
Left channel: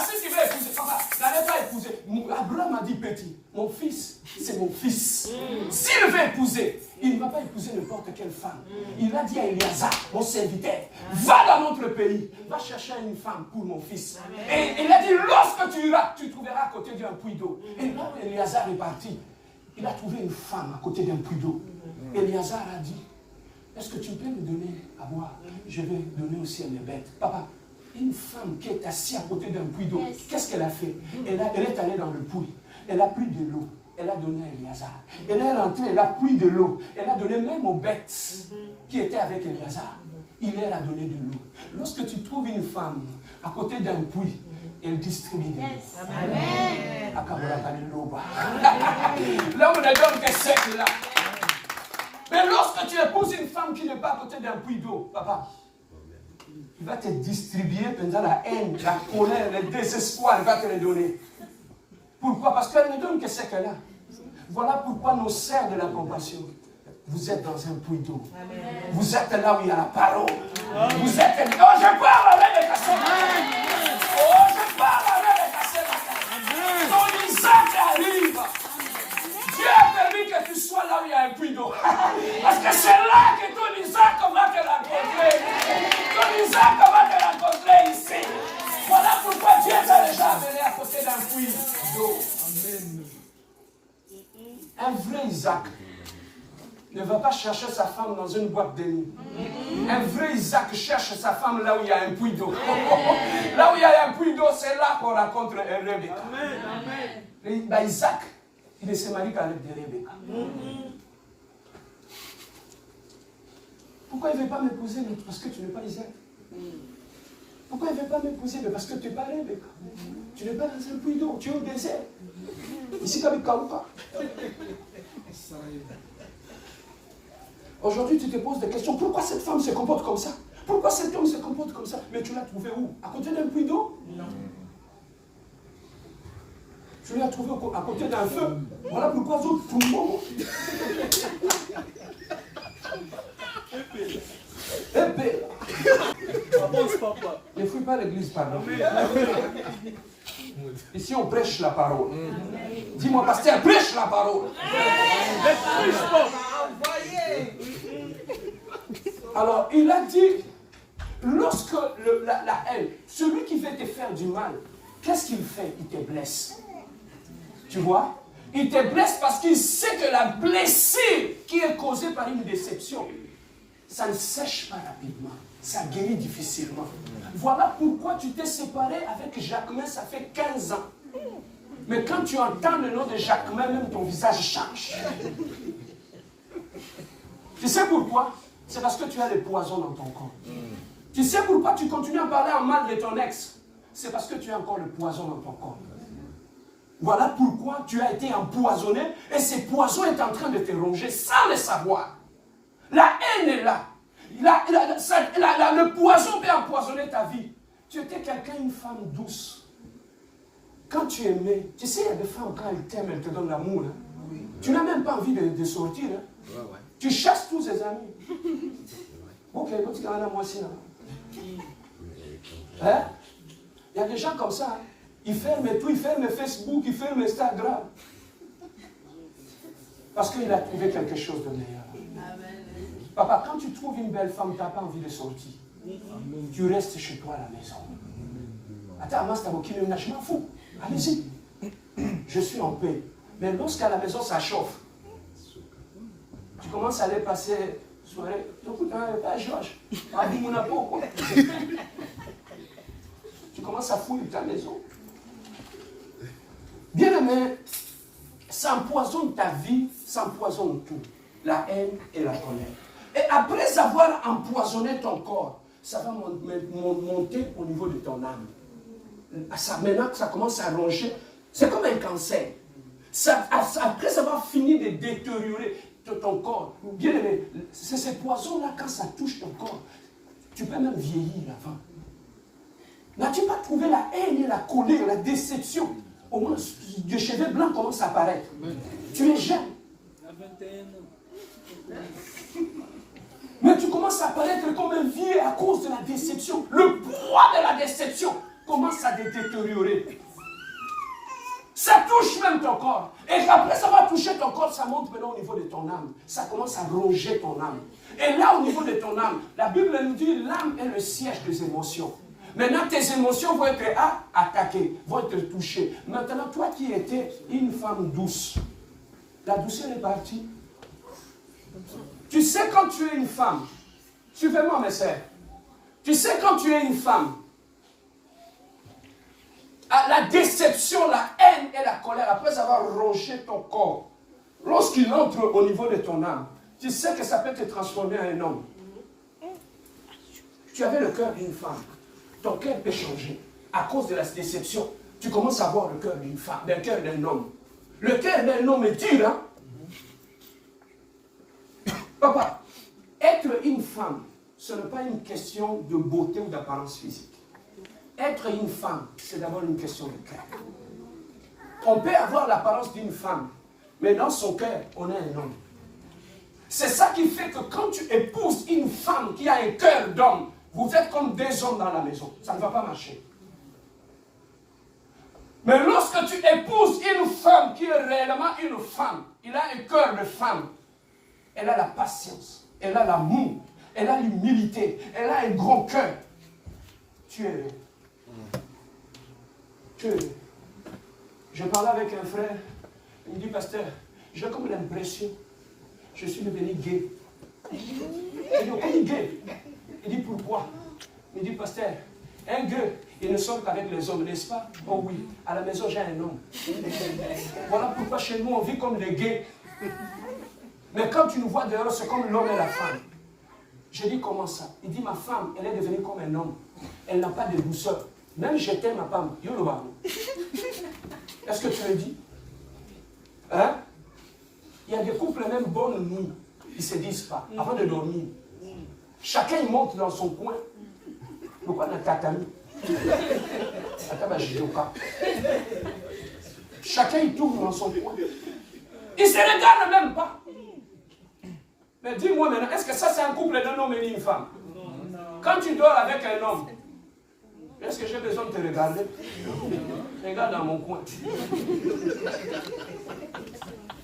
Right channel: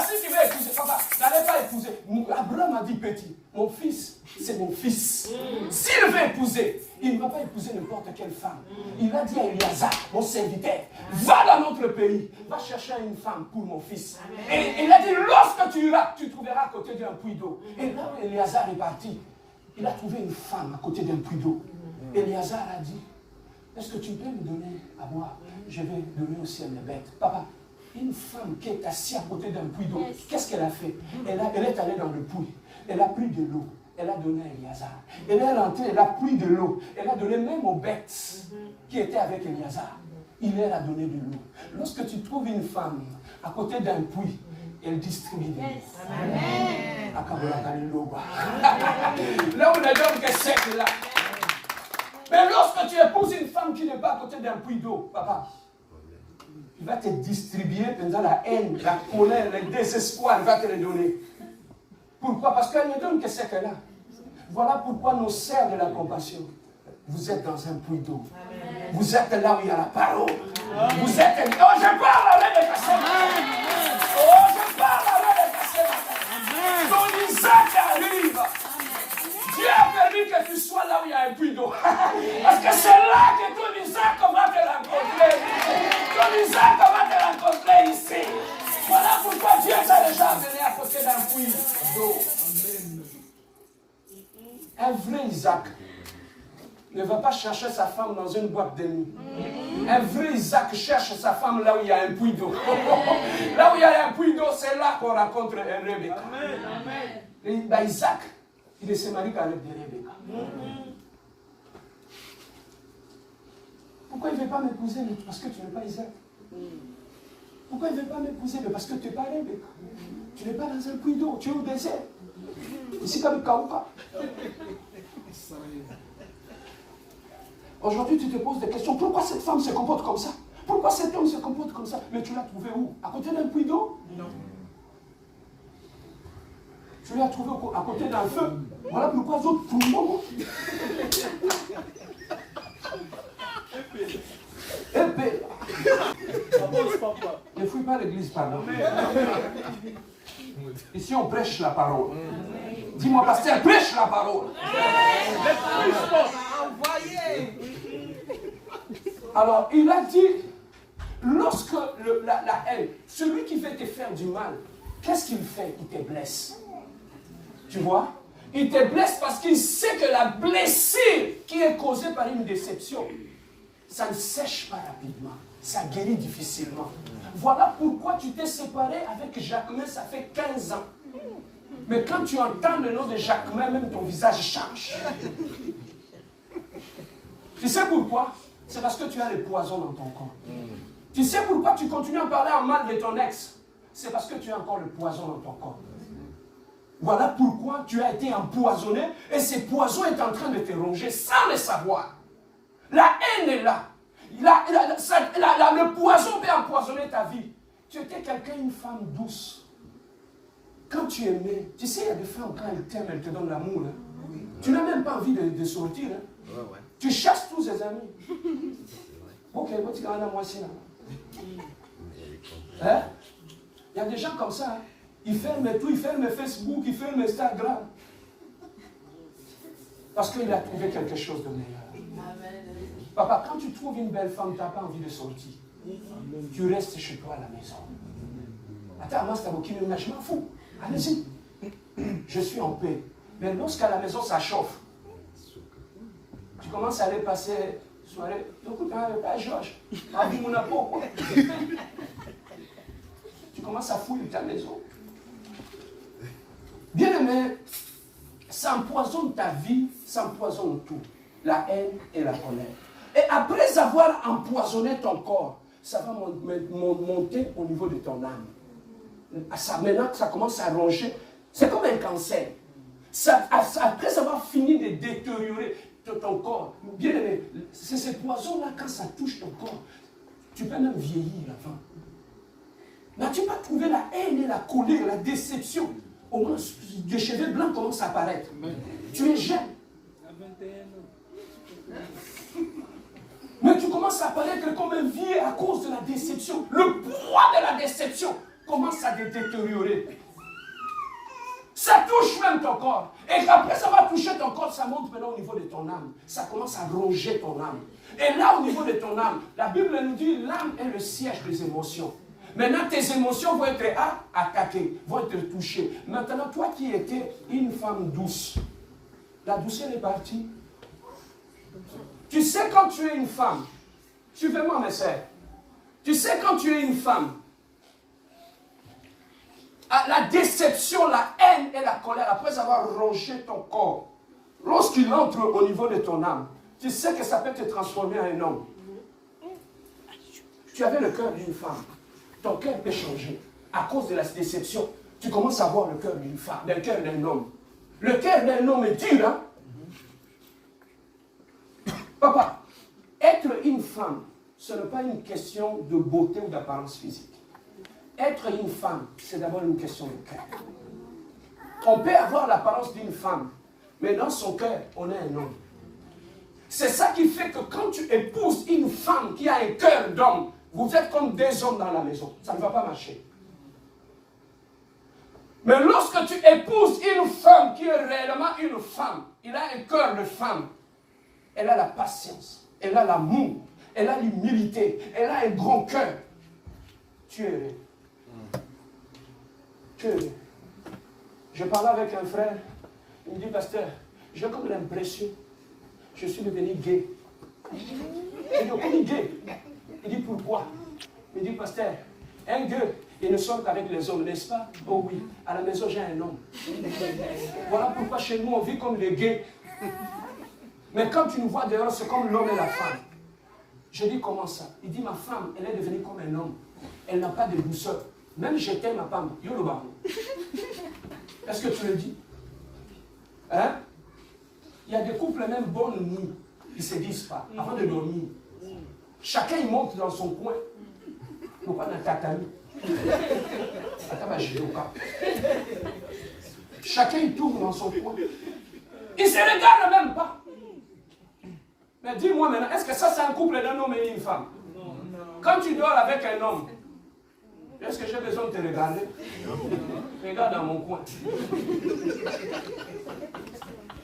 Si tu veux épouser, papa, n'allez pas épouser. Abraham a dit petit, mon fils, c'est mon fils. S'il veut épouser, il ne va pas épouser n'importe quelle femme. Il a dit à Éliazar, mon serviteur, va dans notre pays, va chercher une femme pour mon fils. Et il a dit, lorsque tu iras, tu trouveras à côté d'un puits d'eau. Et là où Éliazar est parti, il a trouvé une femme à côté d'un puits d'eau. Éliazar a dit, est-ce que tu peux me donner à boire? Je vais donner aussi à mes bêtes. Papa, une femme qui est assise à côté d'un puits d'eau, qu'est-ce qu'elle a fait? Elle est allée dans le puits, elle a pris de l'eau, elle a donné à Éliazar. Elle est rentrée, elle a pris de l'eau, elle a donné même aux bêtes qui étaient avec Éliazar. Il leur a donné de l'eau. Lorsque tu trouves une femme à côté d'un puits, elle distribue de l'eau. Amen. Là où les hommes qui sec là. Mais lorsque tu épouses une femme qui n'est pas à côté d'un puits d'eau, papa, il va te distribuer pendant la haine, la colère, le désespoir, il va te les donner. Pourquoi? Parce qu'elle ne donne que ce qu'elle a. Voilà pourquoi nos sœurs de la compassion, vous êtes dans un puits d'eau. Vous êtes là où il y a la parole. Vous êtes... Oh, je parle avec les cassés. Oh, je parle avec les cassés. Ton Isaac arrive. Dieu a permis que tu sois là où il y a un puits d'eau. Parce que c'est là que ton Isaac va te rencontrer. Ton Isaac va te rencontrer ici. Voilà pourquoi Dieu t'a déjà amené à côté d'un puits d'eau. Un vrai Isaac ne va pas chercher sa femme dans une boîte de nuit. Un vrai Isaac cherche sa femme là où il y a un puits d'eau. Là où il y a un puits d'eau, c'est là qu'on rencontre Rebecca. Bah, Isaac, il ne se marie qu'avec Rebecca. Pourquoi il ne veut pas m'épouser? Parce que tu n'es pas Isaac. Pourquoi il ne veut pas m'épouser? Parce que tu n'es pas Rebecca. Tu n'es pas dans un puits d'eau, tu es au désert. Ici comme Kauka. Aujourd'hui, tu te poses des questions. Pourquoi cette femme se comporte comme ça? Pourquoi cet homme se comporte comme ça? Mais tu l'as trouvé où? À côté d'un puits d'eau? Non. Tu l'as trouvé à côté d'un feu. Voilà pourquoi les autres, tout le monde. Épée. Ne fouille pas l'église, pardon. Ici, on prêche la parole. Dis-moi, pasteur, prêche la parole. Alors, il a dit, lorsque la haine, celui qui veut te faire du mal, qu'est-ce qu'il fait? Il te blesse. Tu vois? Il te blesse parce qu'il sait que la blessure qui est causée par une déception, ça ne sèche pas rapidement. Ça guérit difficilement. Voilà pourquoi tu t'es séparé avec Jacquemin, ça fait 15 ans. Mais quand tu entends le nom de Jacquemin, même ton visage change. Tu sais pourquoi? C'est parce que tu as le poison dans ton corps. Tu sais pourquoi tu continues à parler en mal de ton ex? C'est parce que tu as encore le poison dans ton corps. Voilà pourquoi tu as été empoisonné et ce poison est en train de te ronger sans le savoir. La haine est là. Le poison peut empoisonner ta vie. Tu étais quelqu'un, une femme douce. Quand tu aimais, tu sais, il y a des femmes, quand elles t'aiment, elles te donnent l'amour. Hein? Oui. Tu n'as même pas envie de sortir. Hein? Ouais. Tu chasses tous tes amis. Ok, tu as moi aussi là. Hein? Il y a des gens comme ça. Hein? Ils ferment tout, ils ferment Facebook, ils ferment Instagram. Parce qu'il a trouvé quelque chose de meilleur. Papa, quand tu trouves une belle femme, tu n'as pas envie de sortir. Tu restes chez toi à la maison. Attends, moi, c'est un qui me je m'en fous. Allez-y. Je suis en paix. Mais lorsqu'à la maison, ça chauffe, tu commences à aller passer soirée. Georges, tu commences à fouiller ta maison. Bien aimé, ça empoisonne ta vie, ça empoisonne tout. La haine et la colère. Et après avoir empoisonné ton corps, ça va monter au niveau de ton âme. Maintenant, ça commence à ronger. C'est comme un cancer. Après avoir fini de détériorer, ton corps. Bien aimé, c'est ces poisons-là, quand ça touche ton corps, tu peux même vieillir avant. N'as-tu pas trouvé la haine et la colère, la déception? Au moins, des cheveux blancs commencent à apparaître. Tu es jeune. Mais tu commences à apparaître comme un vieux à cause de la déception. Le poids de la déception commence à détériorer. Ça touche même ton corps. Et après ça va toucher ton corps, ça monte maintenant au niveau de ton âme. Ça commence à ronger ton âme. Et là, au niveau de ton âme, la Bible nous dit l'âme est le siège des émotions. Maintenant, tes émotions vont être attaquées, vont être touchées. Maintenant, toi qui étais une femme douce, la douceur est partie. Tu sais quand tu es une femme, suivez-moi mes sœurs, tu sais quand tu es une femme, la déception, la haine et la colère, après avoir rongé ton corps, lorsqu'il entre au niveau de ton âme, tu sais que ça peut te transformer en un homme. Tu avais le cœur d'une femme. Ton cœur peut changer. À cause de la déception, tu commences à avoir le cœur d'une femme, le cœur d'un homme. Le cœur d'un homme est dur, hein? Papa, être une femme, ce n'est pas une question de beauté ou d'apparence physique. Être une femme, c'est d'abord une question de cœur. On peut avoir l'apparence d'une femme, mais dans son cœur, on est un homme. C'est ça qui fait que quand tu épouses une femme qui a un cœur d'homme, vous êtes comme deux hommes dans la maison. Ça ne va pas marcher. Mais lorsque tu épouses une femme qui est réellement une femme, il a un cœur de femme, elle a la patience, elle a l'amour, elle a l'humilité, elle a un grand cœur. Tu es heureux. Tu es heureux. Je parlais avec un frère, il me dit, pasteur, j'ai comme l'impression, je suis devenu gay. J'ai dit, comme gay. Il dit, pourquoi? Il dit, pasteur, un gay, il ne sort qu'avec les hommes, n'est-ce pas? Oh oui, à la maison j'ai un homme. Voilà pourquoi chez nous on vit comme des gays. Mais quand tu nous vois dehors, c'est comme l'homme et la femme. Je dis, comment ça? Il dit, ma femme, elle est devenue comme un homme. Elle n'a pas de douceur. Même je t'aime, ma femme. Est-ce que tu le dis? Hein? Il y a des couples, même bonne nuit, ils ne se disent pas, avant de dormir. Chacun il monte dans son coin. Il pas dans tatami. Chacun il tourne dans son coin. Il ne se regarde même pas. Mais dis-moi maintenant, est-ce que ça c'est un couple d'un homme et d'une femme? Quand tu dors avec un homme, est-ce que j'ai besoin de te regarder? Regarde dans mon coin.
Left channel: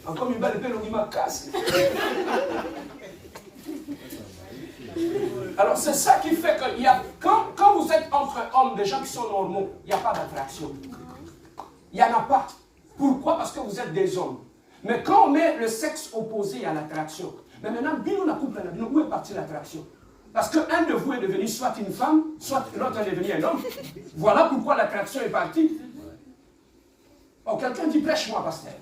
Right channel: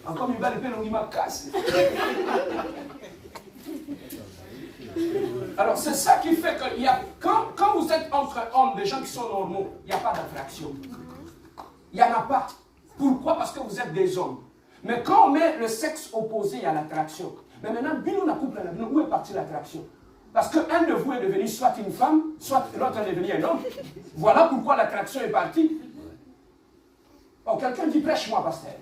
Encore une belle pelle, on dit ma casse. Alors c'est ça qui fait que quand vous êtes entre hommes, des gens qui sont normaux, il n'y a pas d'attraction. Il n'y en a pas. Pourquoi? Parce que vous êtes des hommes. Mais quand on met le sexe opposé, il y a l'attraction. Mais maintenant, où est partie l'attraction? Parce qu'un de vous est devenu soit une femme, soit l'autre est devenu un homme. Voilà pourquoi l'attraction est partie. Oh, quelqu'un dit prêche-moi, pasteur.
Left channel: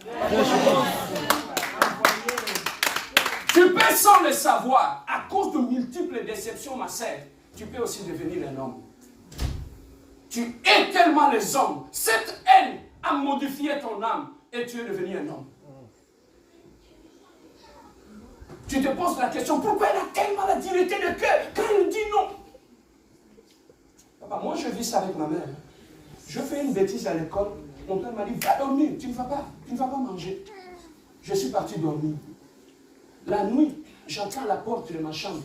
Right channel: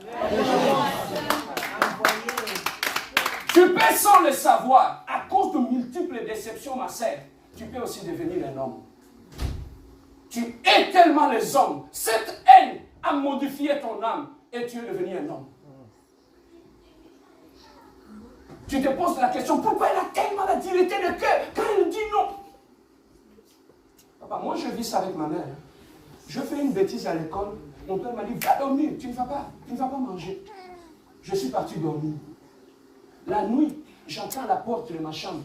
Tu peux sans le savoir, à cause de multiples déceptions, ma sœur, tu peux aussi devenir un homme. Tu hais tellement les hommes. Cette haine a modifié ton âme et tu es devenu un homme. Tu te poses la question, pourquoi elle a tellement la dureté de cœur quand elle dit non? Papa, moi je vis ça avec ma mère. Je fais une bêtise à l'école. Mon père m'a dit, va dormir, tu ne vas pas manger. Je suis parti dormir. La nuit, j'entends la porte de ma chambre.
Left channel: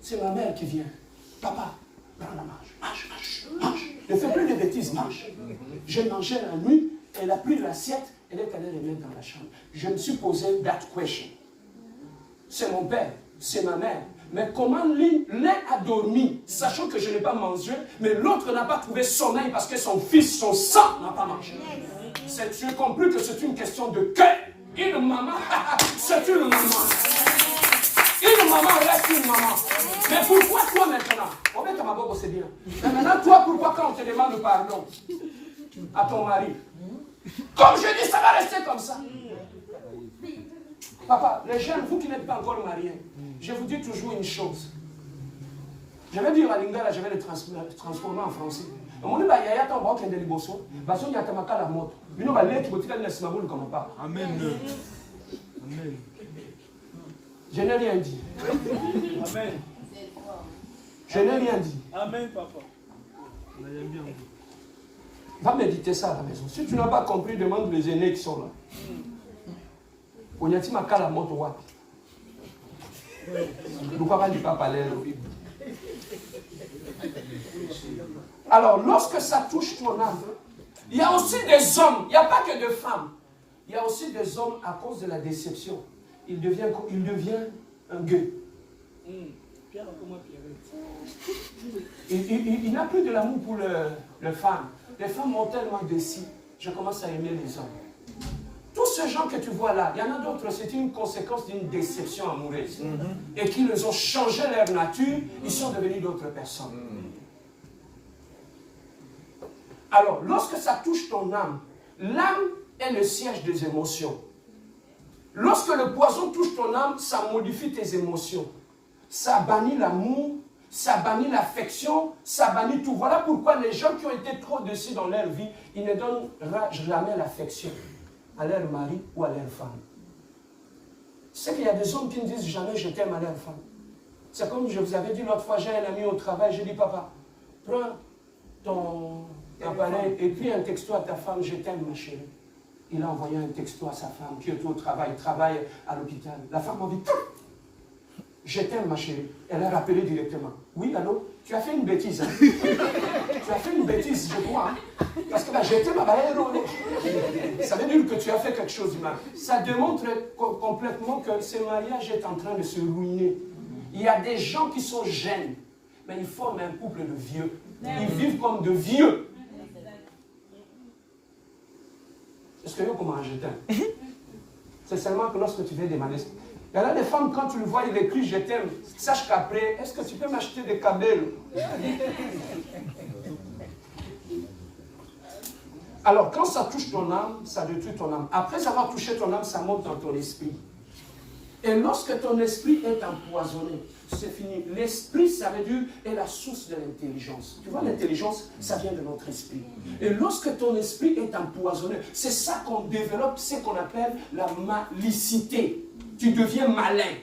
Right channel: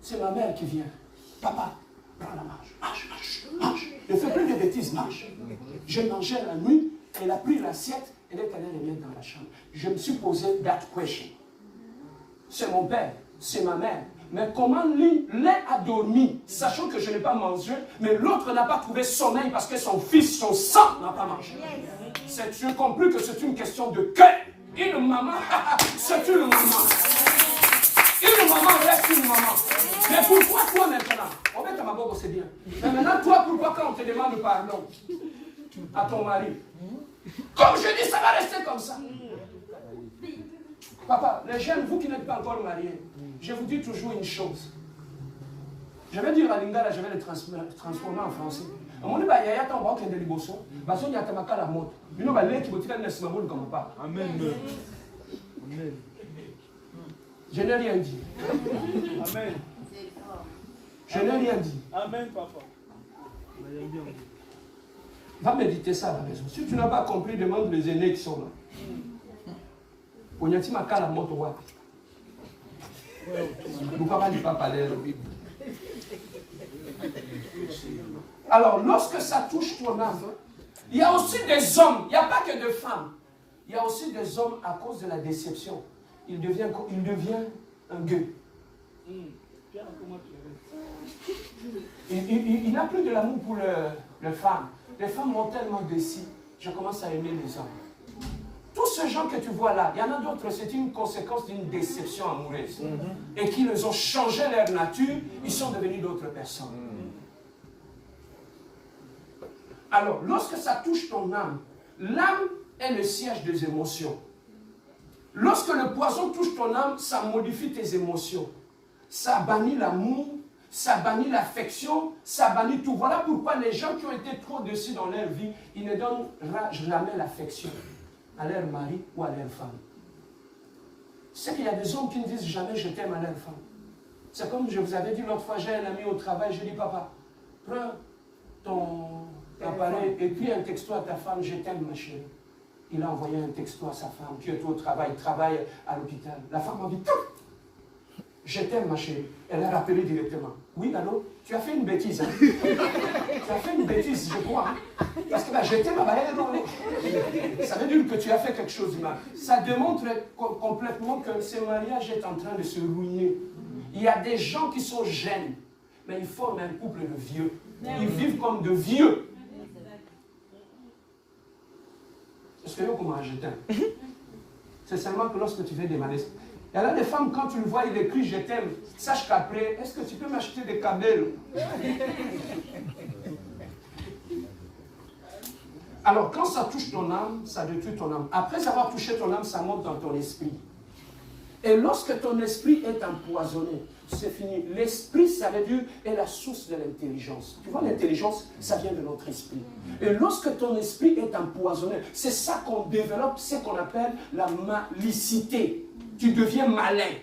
C'est ma mère qui vient. Papa, prends la marche. Ne fais plus de bêtises, marche. Je mangeais la nuit, elle a pris l'assiette, elle est allée remettre dans la chambre. Je me suis posé that question. C'est mon père, c'est ma mère. Mais comment l'un a dormi, sachant que je n'ai pas mangé, mais l'autre n'a pas trouvé sommeil parce que son fils, son sang n'a pas mangé. J'ai compris que c'est une question de cœur. Une maman, c'est une maman. Une maman reste une maman. Mais pourquoi toi maintenant? On met ta bobo, c'est bien. Mais maintenant, toi, pourquoi quand on te demande pardon à ton mari? Comme je dis, ça va rester comme ça. Papa, les jeunes, vous qui n'êtes pas encore mariés, je vous dis toujours une chose. Je vais dire la lingala, je vais le transformer en français. Amen. Je n'ai rien dit. Amen. Je n'ai rien dit. Amen, papa. Va méditer ça à la maison. Si tu n'as pas compris, demande les aînés qui sont là. Onyati makala moto wapi. Nous papa dit pas parler la Bible. Alors, lorsque ça touche ton âme, il y a aussi des hommes, il n'y a pas que de femmes. Il y a aussi des hommes à cause de la déception. Il devient un gueux. Il n'a plus de l'amour pour les femmes. Les femmes m'ont tellement déçu. Je commence à aimer les hommes. Tous ces gens que tu vois là, il y en a d'autres, c'est une conséquence d'une déception amoureuse. Et qui les ont changé leur nature, ils sont devenus d'autres personnes. Alors, lorsque ça touche ton âme, l'âme est le siège des émotions. Lorsque le poison touche ton âme, ça modifie tes émotions. Ça bannit l'amour, ça bannit l'affection, ça bannit tout. Voilà pourquoi les gens qui ont été trop déçus dans leur vie, ils ne donnent jamais l'affection à leur mari ou à leur femme. C'est qu'il y a des hommes qui ne disent jamais je t'aime à leur femme. C'est comme je vous avais dit l'autre fois, j'ai un ami au travail, je dis papa, prends ton appareil, écris un texto à ta femme, je t'aime ma chérie. Il a envoyé un texto à sa femme qui est au travail, travaille à l'hôpital. La femme a dit, je t'aime ma chérie. Elle a rappelé directement. Oui, allô, tu as fait une bêtise. Hein? Tu as fait une bêtise, je crois. Hein? Parce que je t'aime, ça veut dire que tu as fait quelque chose de mal. Ça démontre complètement que ce mariage est en train de se ruiner. Il y a des gens qui sont jeunes, mais ils forment un couple de vieux. Ils vivent comme de vieux. Est-ce que comment je t'aime? C'est seulement que lorsque tu veux demander. Il y en a des femmes, quand tu le vois, il écrit je t'aime. Sache qu'après, est-ce que tu peux m'acheter des câbles? Alors, quand ça touche ton âme, ça détruit ton âme. Après avoir touché ton âme, ça monte dans ton esprit. Et lorsque ton esprit est empoisonné, c'est fini. L'esprit, ça veut dire, est la source de l'intelligence. Tu vois, l'intelligence, ça vient de notre esprit. Et lorsque ton esprit est empoisonné, c'est ça qu'on développe, c'est qu'on appelle la malicité. Tu deviens malin.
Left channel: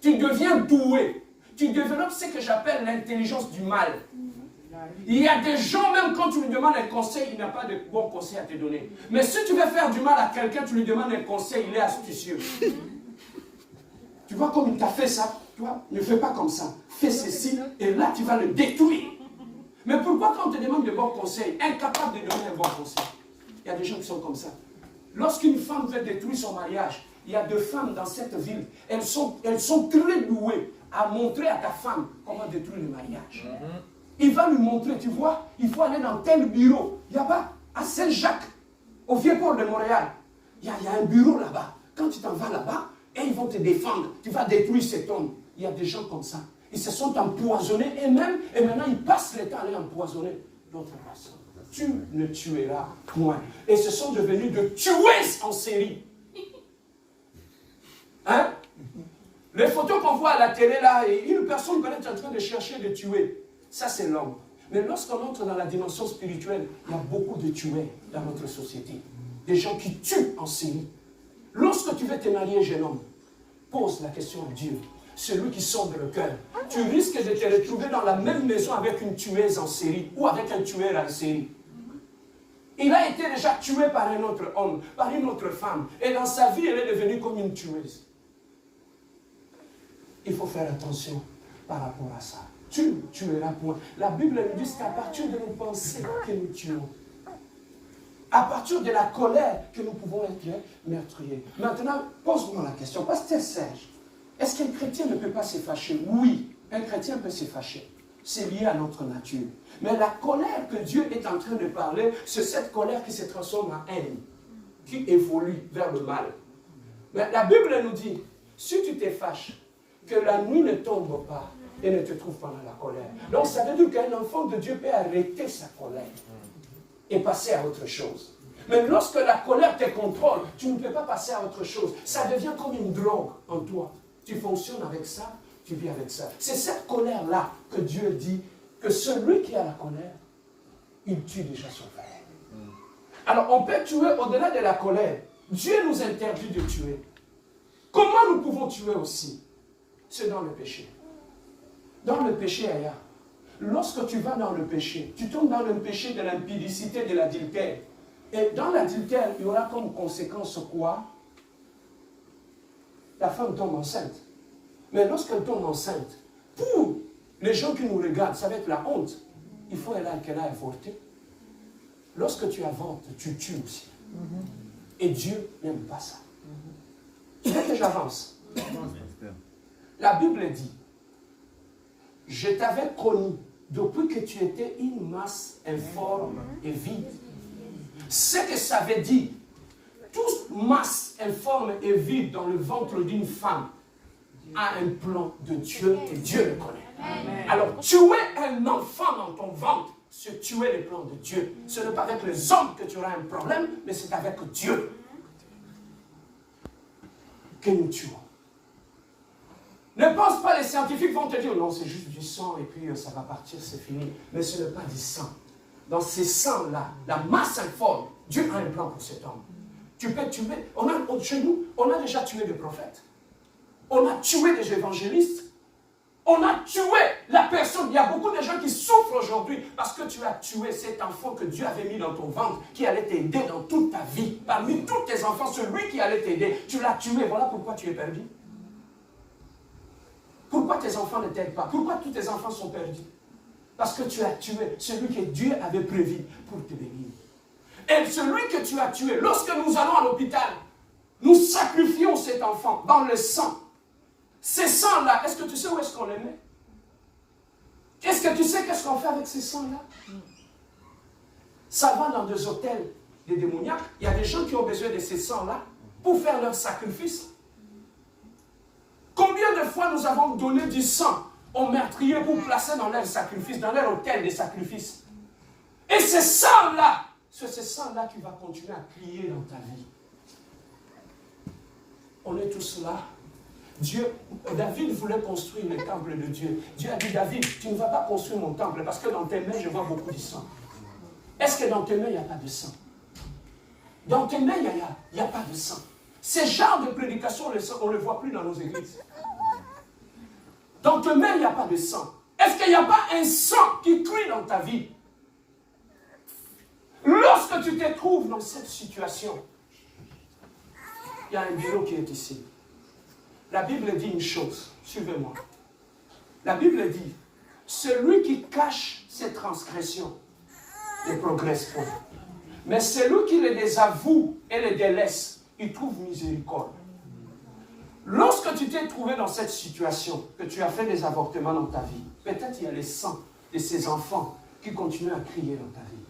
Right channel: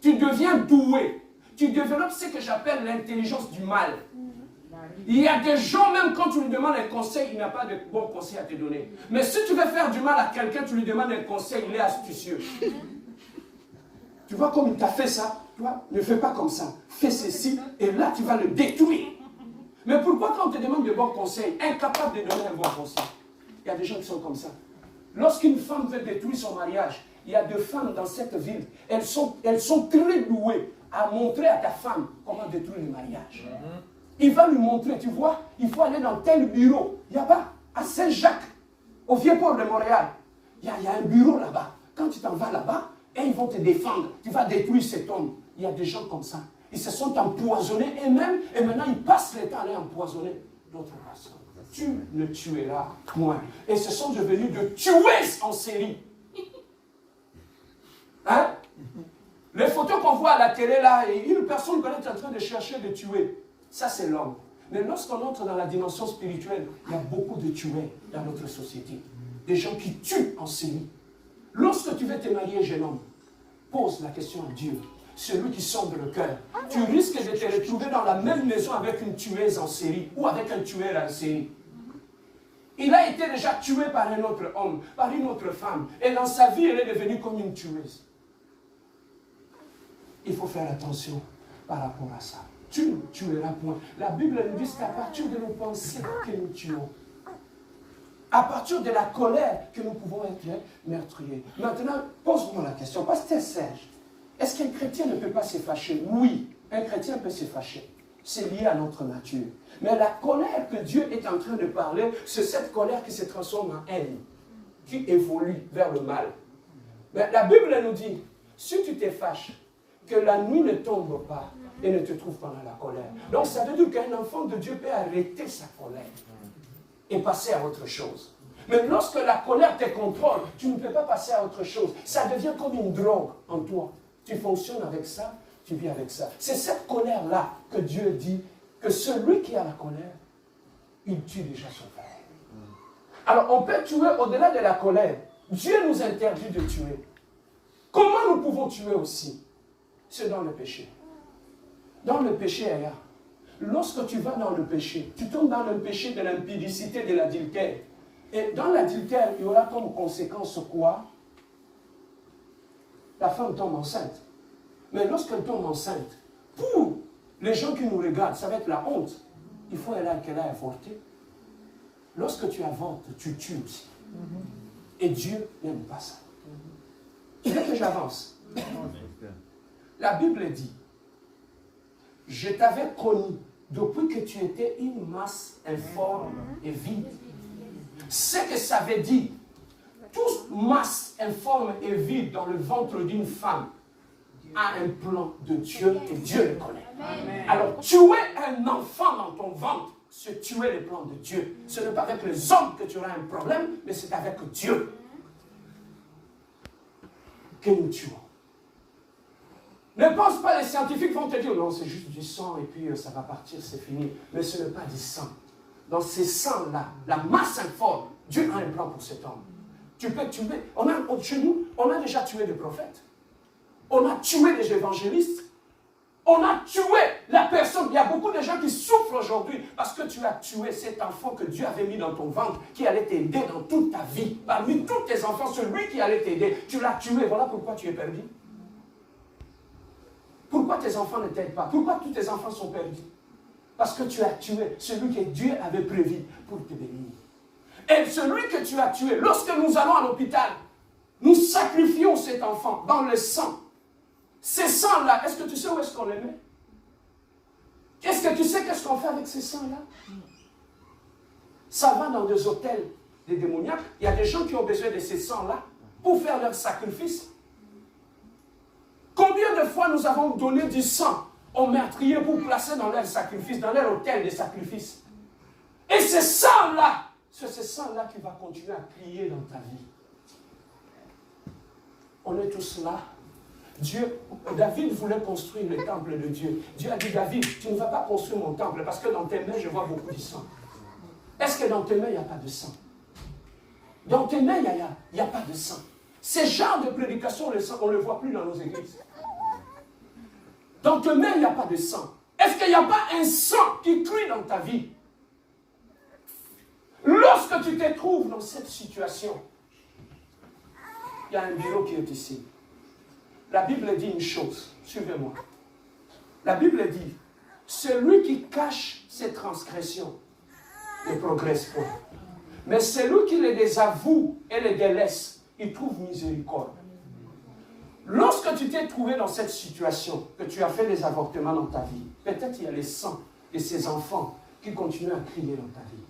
Tu deviens doué. Tu développes ce que j'appelle l'intelligence du mal. Il y a des gens, même quand tu lui demandes un conseil, il n'a pas de bon conseil à te donner. Mais si tu veux faire du mal à quelqu'un, tu lui demandes un conseil, il est astucieux. Tu vois comme il t'a fait ça, toi, ne fais pas comme ça. Fais ceci, et là tu vas le détruire. Mais pourquoi quand on te demande de bons conseils, incapable de donner un bon conseil? Il y a des gens qui sont comme ça. Lorsqu'une femme veut détruire son mariage, il y a deux femmes dans cette ville, elles sont très douées à montrer à ta femme comment détruire le mariage. Il va lui montrer, tu vois, il faut aller dans tel bureau. Il y a pas, à Saint-Jacques, au Vieux-Port de Montréal, il y a un bureau là-bas. Quand tu t'en vas là-bas, et ils vont te défendre, tu vas détruire cet homme. Il y a des gens comme ça. Ils se sont empoisonnés et maintenant ils passent le temps à aller empoisonner d'autres personnes. Tu ne tueras point. Et ce sont devenus de tueuses en série. Hein? Les photos qu'on voit à la télé là, une personne qu'on est en train de chercher de tuer, ça c'est l'homme. Mais lorsqu'on entre dans la dimension spirituelle, il y a beaucoup de tueurs dans notre société. Des gens qui tuent en série. Lorsque tu veux te marier, jeune homme, pose la question à Dieu. Celui qui sonde le cœur. Tu risques de te retrouver dans la même maison avec une tueuse en série ou avec un tueur en série. Il a été déjà tué par un autre homme, par une autre femme. Et dans sa vie, elle est devenue comme une tueuse. Il faut faire attention par rapport à ça. Tu ne tueras point. La Bible nous dit qu'à partir de nos pensées que nous tuons. À partir de la colère que nous pouvons être meurtriers. Maintenant, pose-moi la question. Pasteur Serge, est-ce qu'un chrétien ne peut pas se fâcher? Oui, un chrétien peut se fâcher. C'est lié à notre nature. Mais la colère que Dieu est en train de parler, c'est cette colère qui se transforme en haine, qui évolue vers le mal. Mais la Bible nous dit, si tu te fâches, que la nuit ne tombe pas et ne te trouve pas dans la colère. Donc ça veut dire qu'un enfant de Dieu peut arrêter sa colère et passer à autre chose. Mais lorsque la colère te contrôle, tu ne peux pas passer à autre chose. Ça devient comme une drogue en toi. Tu fonctionnes avec ça, tu vis avec ça. C'est cette colère-là que Dieu dit que celui qui a la colère, il tue déjà son frère. Alors on peut tuer au-delà de la colère. Dieu nous interdit de tuer. Comment nous pouvons pouvons tuer aussi, c'est dans le péché. Dans le péché, ailleurs. Lorsque tu vas dans le péché, tu tombes dans le péché de l'impudicité, de l'adultère. Et dans l'adultère, il y aura comme conséquence quoi? La femme tombe enceinte. Mais lorsqu'elle tombe enceinte, pour les gens qui nous regardent, ça va être la honte. Il faut qu'elle ait avorté. Lorsque tu avortes, tu tues aussi. Et Dieu n'aime pas ça. Tu veux que j'avance? La Bible dit, je t'avais connu depuis que tu étais une masse informe et vide. Ce que ça veut dire, toute masse informe et vide dans le ventre d'une femme a un plan de Dieu et Dieu le connaît. Amen. Alors, tuer un enfant dans ton ventre, c'est tuer les plans de Dieu. Ce n'est pas avec les hommes que tu auras un problème, mais c'est avec Dieu que nous tuons. Ne pense pas, les scientifiques vont te dire, non, c'est juste du sang et puis ça va partir, c'est fini. Mais ce n'est pas du sang. Dans ces sangs-là, la masse informe, Dieu a un plan pour cet homme. Tu peux tuer, chez nous, on a déjà tué des prophètes. On a tué des évangélistes. On a tué la personne. Il y a beaucoup de gens qui souffrent aujourd'hui parce que tu as tué cet enfant que Dieu avait mis dans ton ventre, qui allait t'aider dans toute ta vie. Parmi tous tes enfants, celui qui allait t'aider, tu l'as tué. Voilà pourquoi tu es perdu. Pourquoi tes enfants ne t'aident pas? Pourquoi tous tes enfants sont perdus? Parce que tu as tué celui que Dieu avait prévu pour te bénir. Et celui que tu as tué, lorsque nous allons à l'hôpital, nous sacrifions cet enfant dans le sang. Ces sangs-là, est-ce que tu sais où est-ce qu'on les met? Est-ce que tu sais qu'est-ce qu'on fait avec ces sangs-là? Ça va dans des hôtels des démoniaques. Il y a des gens qui ont besoin de ces sangs-là pour faire leur sacrifice. Combien de fois nous avons donné du sang aux meurtriers pour placer dans leur sacrifice, dans leur hôtel de sacrifice? Et ces sangs-là, c'est ces sangs-là qui va continuer à crier dans ta vie. On est tous là. David voulait construire le temple de Dieu. Dieu a dit, David, tu ne vas pas construire mon temple parce que dans tes mains, je vois beaucoup de sang. Est-ce que dans tes mains, il n'y a pas de sang? Dans tes mains, il n'y a pas de sang. Ce genre de prédication, on ne le voit plus dans nos églises. Dans tes mains, il n'y a pas de sang. Est-ce qu'il n'y a pas un sang qui crie dans ta vie? Lorsque tu te trouves dans cette situation, il y a un bureau qui est ici. La Bible dit une chose, suivez-moi. La Bible dit, celui qui cache ses transgressions ne progresse pas. Mais celui qui les désavoue et les délaisse, il trouve miséricorde. Lorsque tu t'es trouvé dans cette situation, que tu as fait des avortements dans ta vie, peut-être il y a les sangs de ces enfants qui continuent à crier dans ta vie.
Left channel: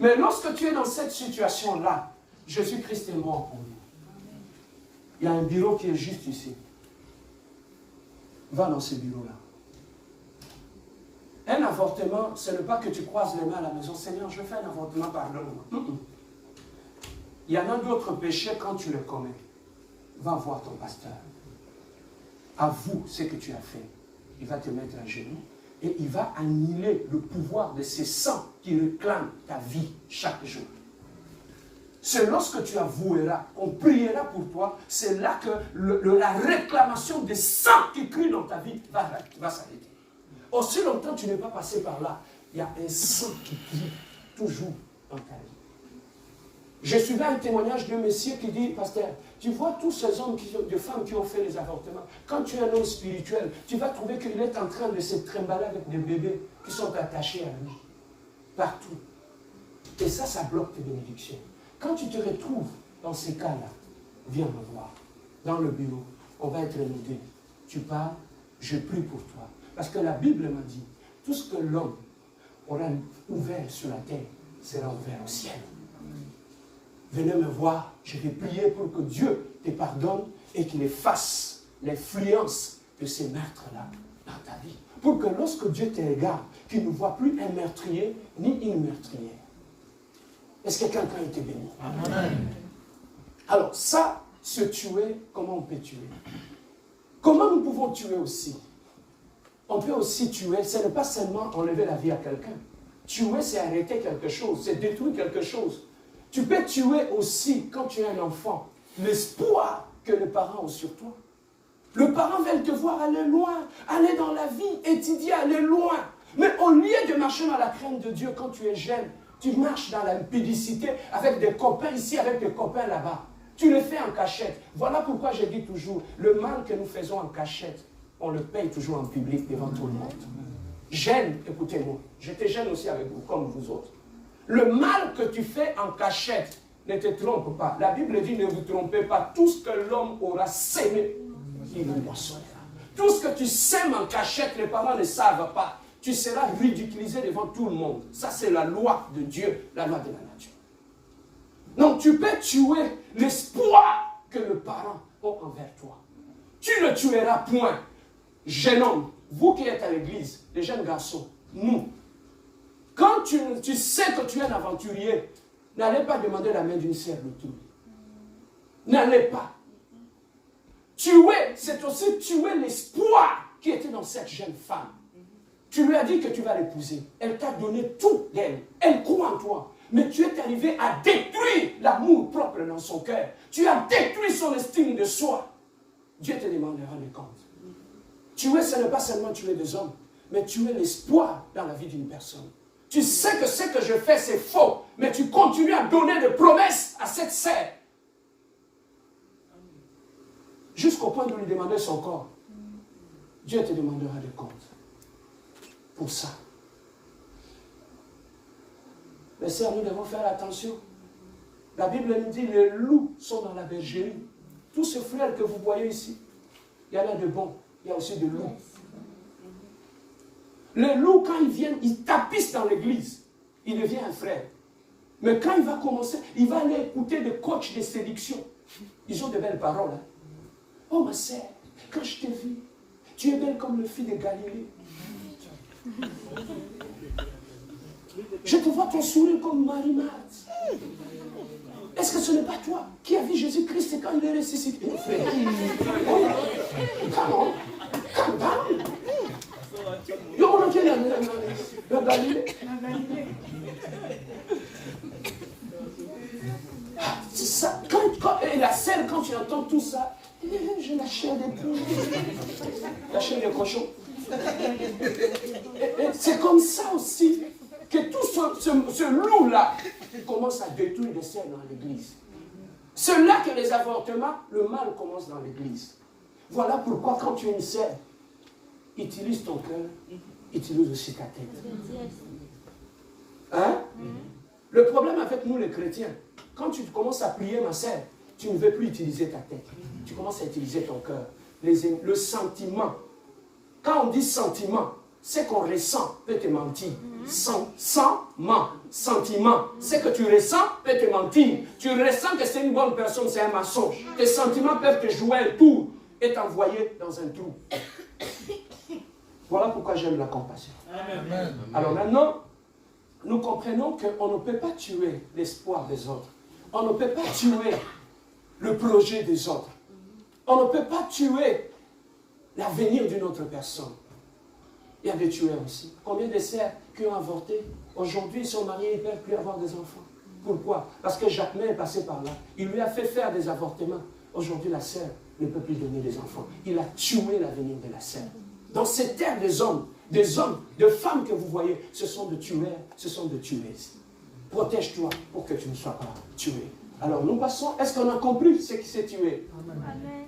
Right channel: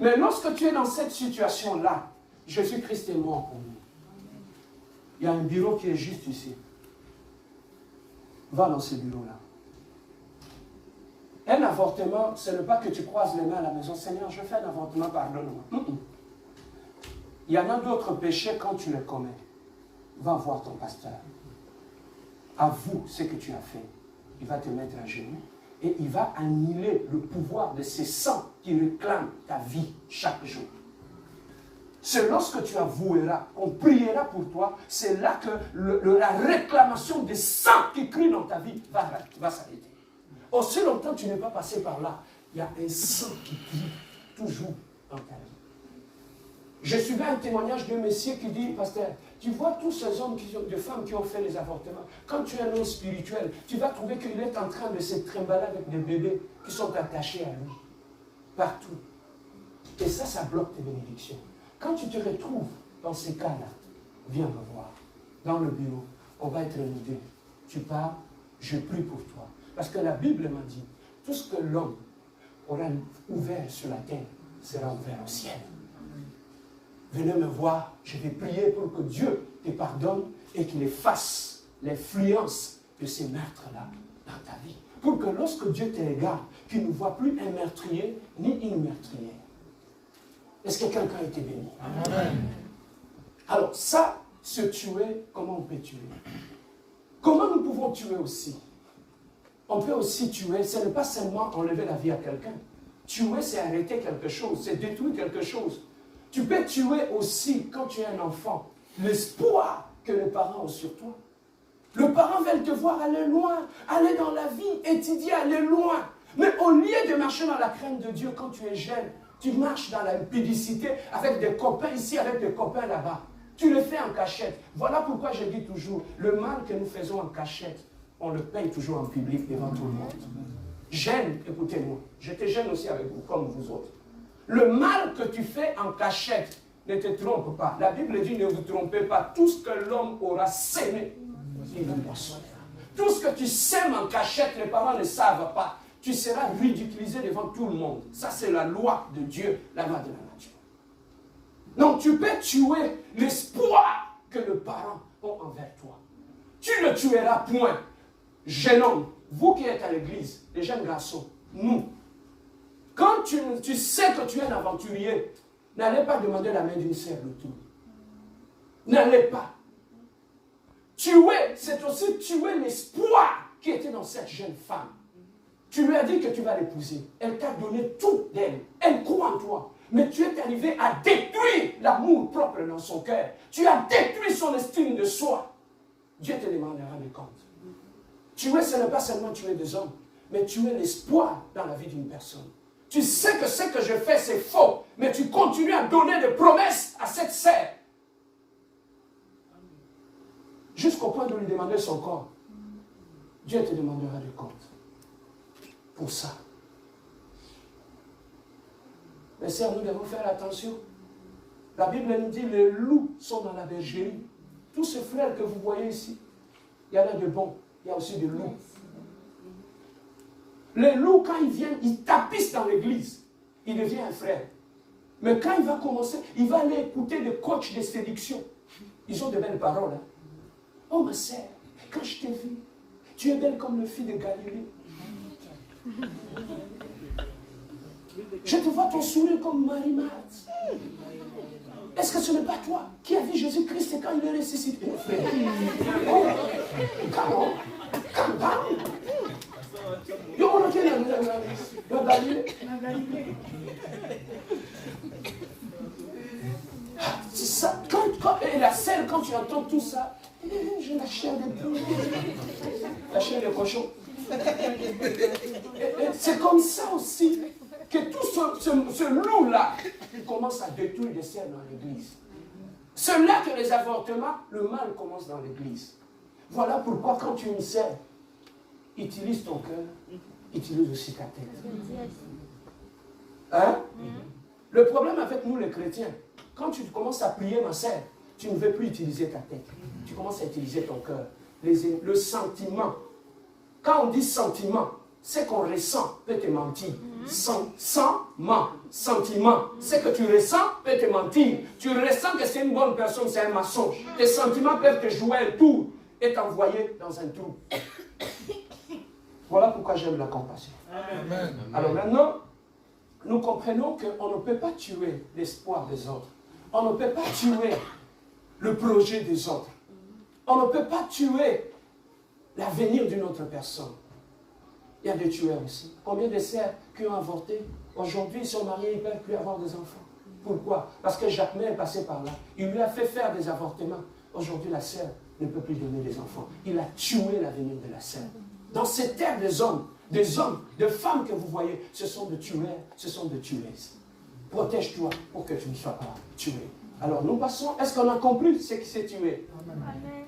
Mais lorsque tu es dans cette situation-là, Jésus-Christ est mort pour nous. Il y a un bureau qui est juste ici. Va dans ce bureau-là. Un avortement, ce n'est pas que tu croises les mains à la maison. Seigneur, je fais un avortement, pardonne-moi. Il y en a d'autres péchés quand tu les commets. Va voir ton pasteur. Avoue ce que tu as fait. Il va te mettre à genoux et il va annihiler le pouvoir de ces sangs qui réclament ta vie chaque jour. C'est lorsque tu avoueras, on priera pour toi, c'est là que la réclamation des sangs qui crient dans ta vie va s'arrêter. Aussi longtemps que tu n'es pas passé par là, il y a un sang qui crie toujours dans ta vie. Je suivais un témoignage d'un monsieur qui dit, pasteur, tu vois tous ces hommes, de femmes qui ont fait les avortements, quand tu es un homme spirituel, tu vas trouver qu'il est en train de se trimballer avec des bébés qui sont attachés à lui, partout. Et ça bloque tes bénédictions. Quand tu te retrouves dans ces cas-là, viens me voir. Dans le bureau, on va être nous deux. Tu parles, je prie pour toi. Parce que la Bible m'a dit, tout ce que l'homme aura ouvert sur la terre sera ouvert au ciel. Venez me voir, je vais prier pour que Dieu te pardonne et qu'il efface l'influence de ces meurtres-là dans ta vie. Pour que lorsque Dieu te regarde, qu'il ne voit plus un meurtrier ni une meurtrière. Est-ce que quelqu'un a été béni? Amen. Alors ça, se tuer, comment on peut tuer? Comment nous pouvons tuer aussi? On peut aussi tuer, ce n'est pas seulement enlever la vie à quelqu'un. Tuer, c'est arrêter quelque chose, c'est détruire quelque chose. Tu peux tuer aussi, quand tu es un enfant, l'espoir que les parents ont sur toi. Le parent veut te voir aller loin, aller dans la vie, étudier, aller loin. Mais au lieu de marcher dans la crainte de Dieu quand tu es jeune, tu marches dans la publicité avec des copains ici, avec des copains là-bas. Tu le fais en cachette. Voilà pourquoi je dis toujours, le mal que nous faisons en cachette, on le paye toujours en public devant tout le monde. Jeune, écoutez-moi, j'étais jeune aussi avec vous, comme vous autres. Le mal que tu fais en cachette, ne te trompe pas. La Bible dit, ne vous trompez pas. Tout ce que l'homme aura sémé, il le moissonnera. Tout ce que tu sèmes en cachette, les parents ne savent pas. Tu seras ridiculisé devant tout le monde. Ça, c'est la loi de Dieu, la loi de la nature. Donc, tu peux tuer l'espoir que les parents ont envers toi. Tu ne tueras point. Jeune homme, vous qui êtes à l'église, les jeunes garçons, nous, quand tu sais que tu es un aventurier, n'allez pas demander la main d'une sœur de tout. N'allez pas. Tuer, c'est aussi tuer l'espoir qui était dans cette jeune femme. Tu lui as dit que tu vas l'épouser. Elle t'a donné tout d'elle. Elle croit en toi. Mais tu es arrivé à détruire l'amour propre dans son cœur. Tu as détruit son estime de soi. Dieu te demandera des comptes. Tuer, ce n'est pas seulement tuer des hommes, mais tuer l'espoir dans la vie d'une personne. Tu sais que ce que je fais, c'est faux, mais tu continues à donner des promesses à cette sœur. Jusqu'au point de lui demander son corps. Dieu te demandera des comptes. Pour ça. Mais sœurs, nous devons faire attention. La Bible nous dit, les loups sont dans la bergerie. Tous ces frères que vous voyez ici, il y en a de bons, il y a aussi de loups. Les loups, quand ils viennent, ils tapissent dans l'église. Il devient un frère. Mais quand il va commencer, il va aller écouter des coachs de séduction. Ils ont de belles paroles. Hein? Oh ma sœur, quand je t'ai vue, tu es belle comme le fils de Galilée. Je te vois ton sourire comme Marie-Marthe. Est-ce que ce n'est pas toi qui as vu Jésus-Christ quand il est ressuscité, frère? Oh, calme down. Yo, on a dit la Galilée. C'est ça. Et la scène, quand tu entends tout ça, j'ai la chair des poules, la chair des cochons. Et c'est comme ça aussi que tout ce loup-là commence à détruire des scènes dans l'église. C'est là que les avortements, le mal commence dans l'église. Voilà pourquoi quand tu es une sœur, utilise ton cœur, utilise aussi ta tête. Hein? Le problème avec nous les chrétiens, quand tu commences à prier ma sœur, tu ne veux plus utiliser ta tête. Tu commences à utiliser ton cœur. Le sentiment. Quand on dit sentiment, ce qu'on ressent peut te mentir. Sentiment. Ce que tu ressens peut te mentir. Tu ressens que c'est une bonne personne, c'est un mensonge. Tes sentiments peuvent te jouer un tour et t'envoyer dans un trou. Voilà pourquoi j'aime la compassion. Amen. Alors maintenant, nous comprenons qu'on ne peut pas tuer l'espoir des autres. On ne peut pas tuer le projet des autres. On ne peut pas tuer l'avenir d'une autre personne. Il y a des tueurs aussi. Combien de sœurs qui ont avorté, aujourd'hui ils sont mariés, ils ne peuvent plus avoir des enfants. Pourquoi? Parce que Jacquemin est passé par là. Il lui a fait faire des avortements. Aujourd'hui, la sœur ne peut plus donner des enfants. Il a tué l'avenir de la sœur. Dans ces terres des hommes, de femmes que vous voyez, ce sont de tueurs, ce sont de tueuses. Protège-toi pour que tu ne sois pas tué. Alors nous passons, est-ce qu'on a compris ce qui s'est tué? Amen.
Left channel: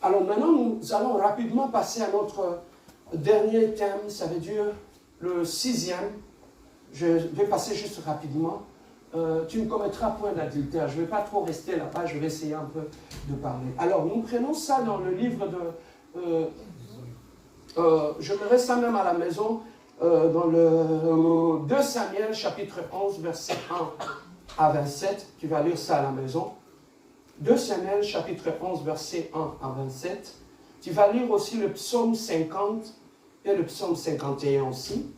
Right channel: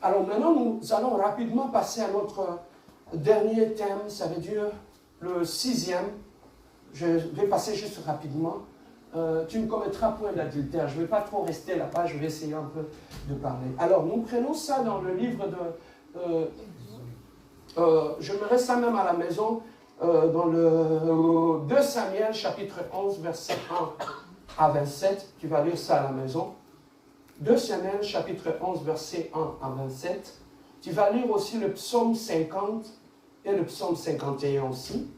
Alors maintenant, nous allons rapidement passer à notre dernier thème, ça veut dire le 6e. Je vais passer juste rapidement. Tu ne commettras point d'adultère. Je ne vais pas trop rester là-bas, je vais essayer un peu de parler. Alors, nous prenons ça dans le livre de... je mettrai ça même à la maison, dans le 2 Samuel, chapitre 11, verset 1 à 27. Tu vas lire ça à la maison. 2 Samuel, chapitre 11, verset 1 à 27. Tu vas lire aussi le psaume 50 et le psaume 51 aussi.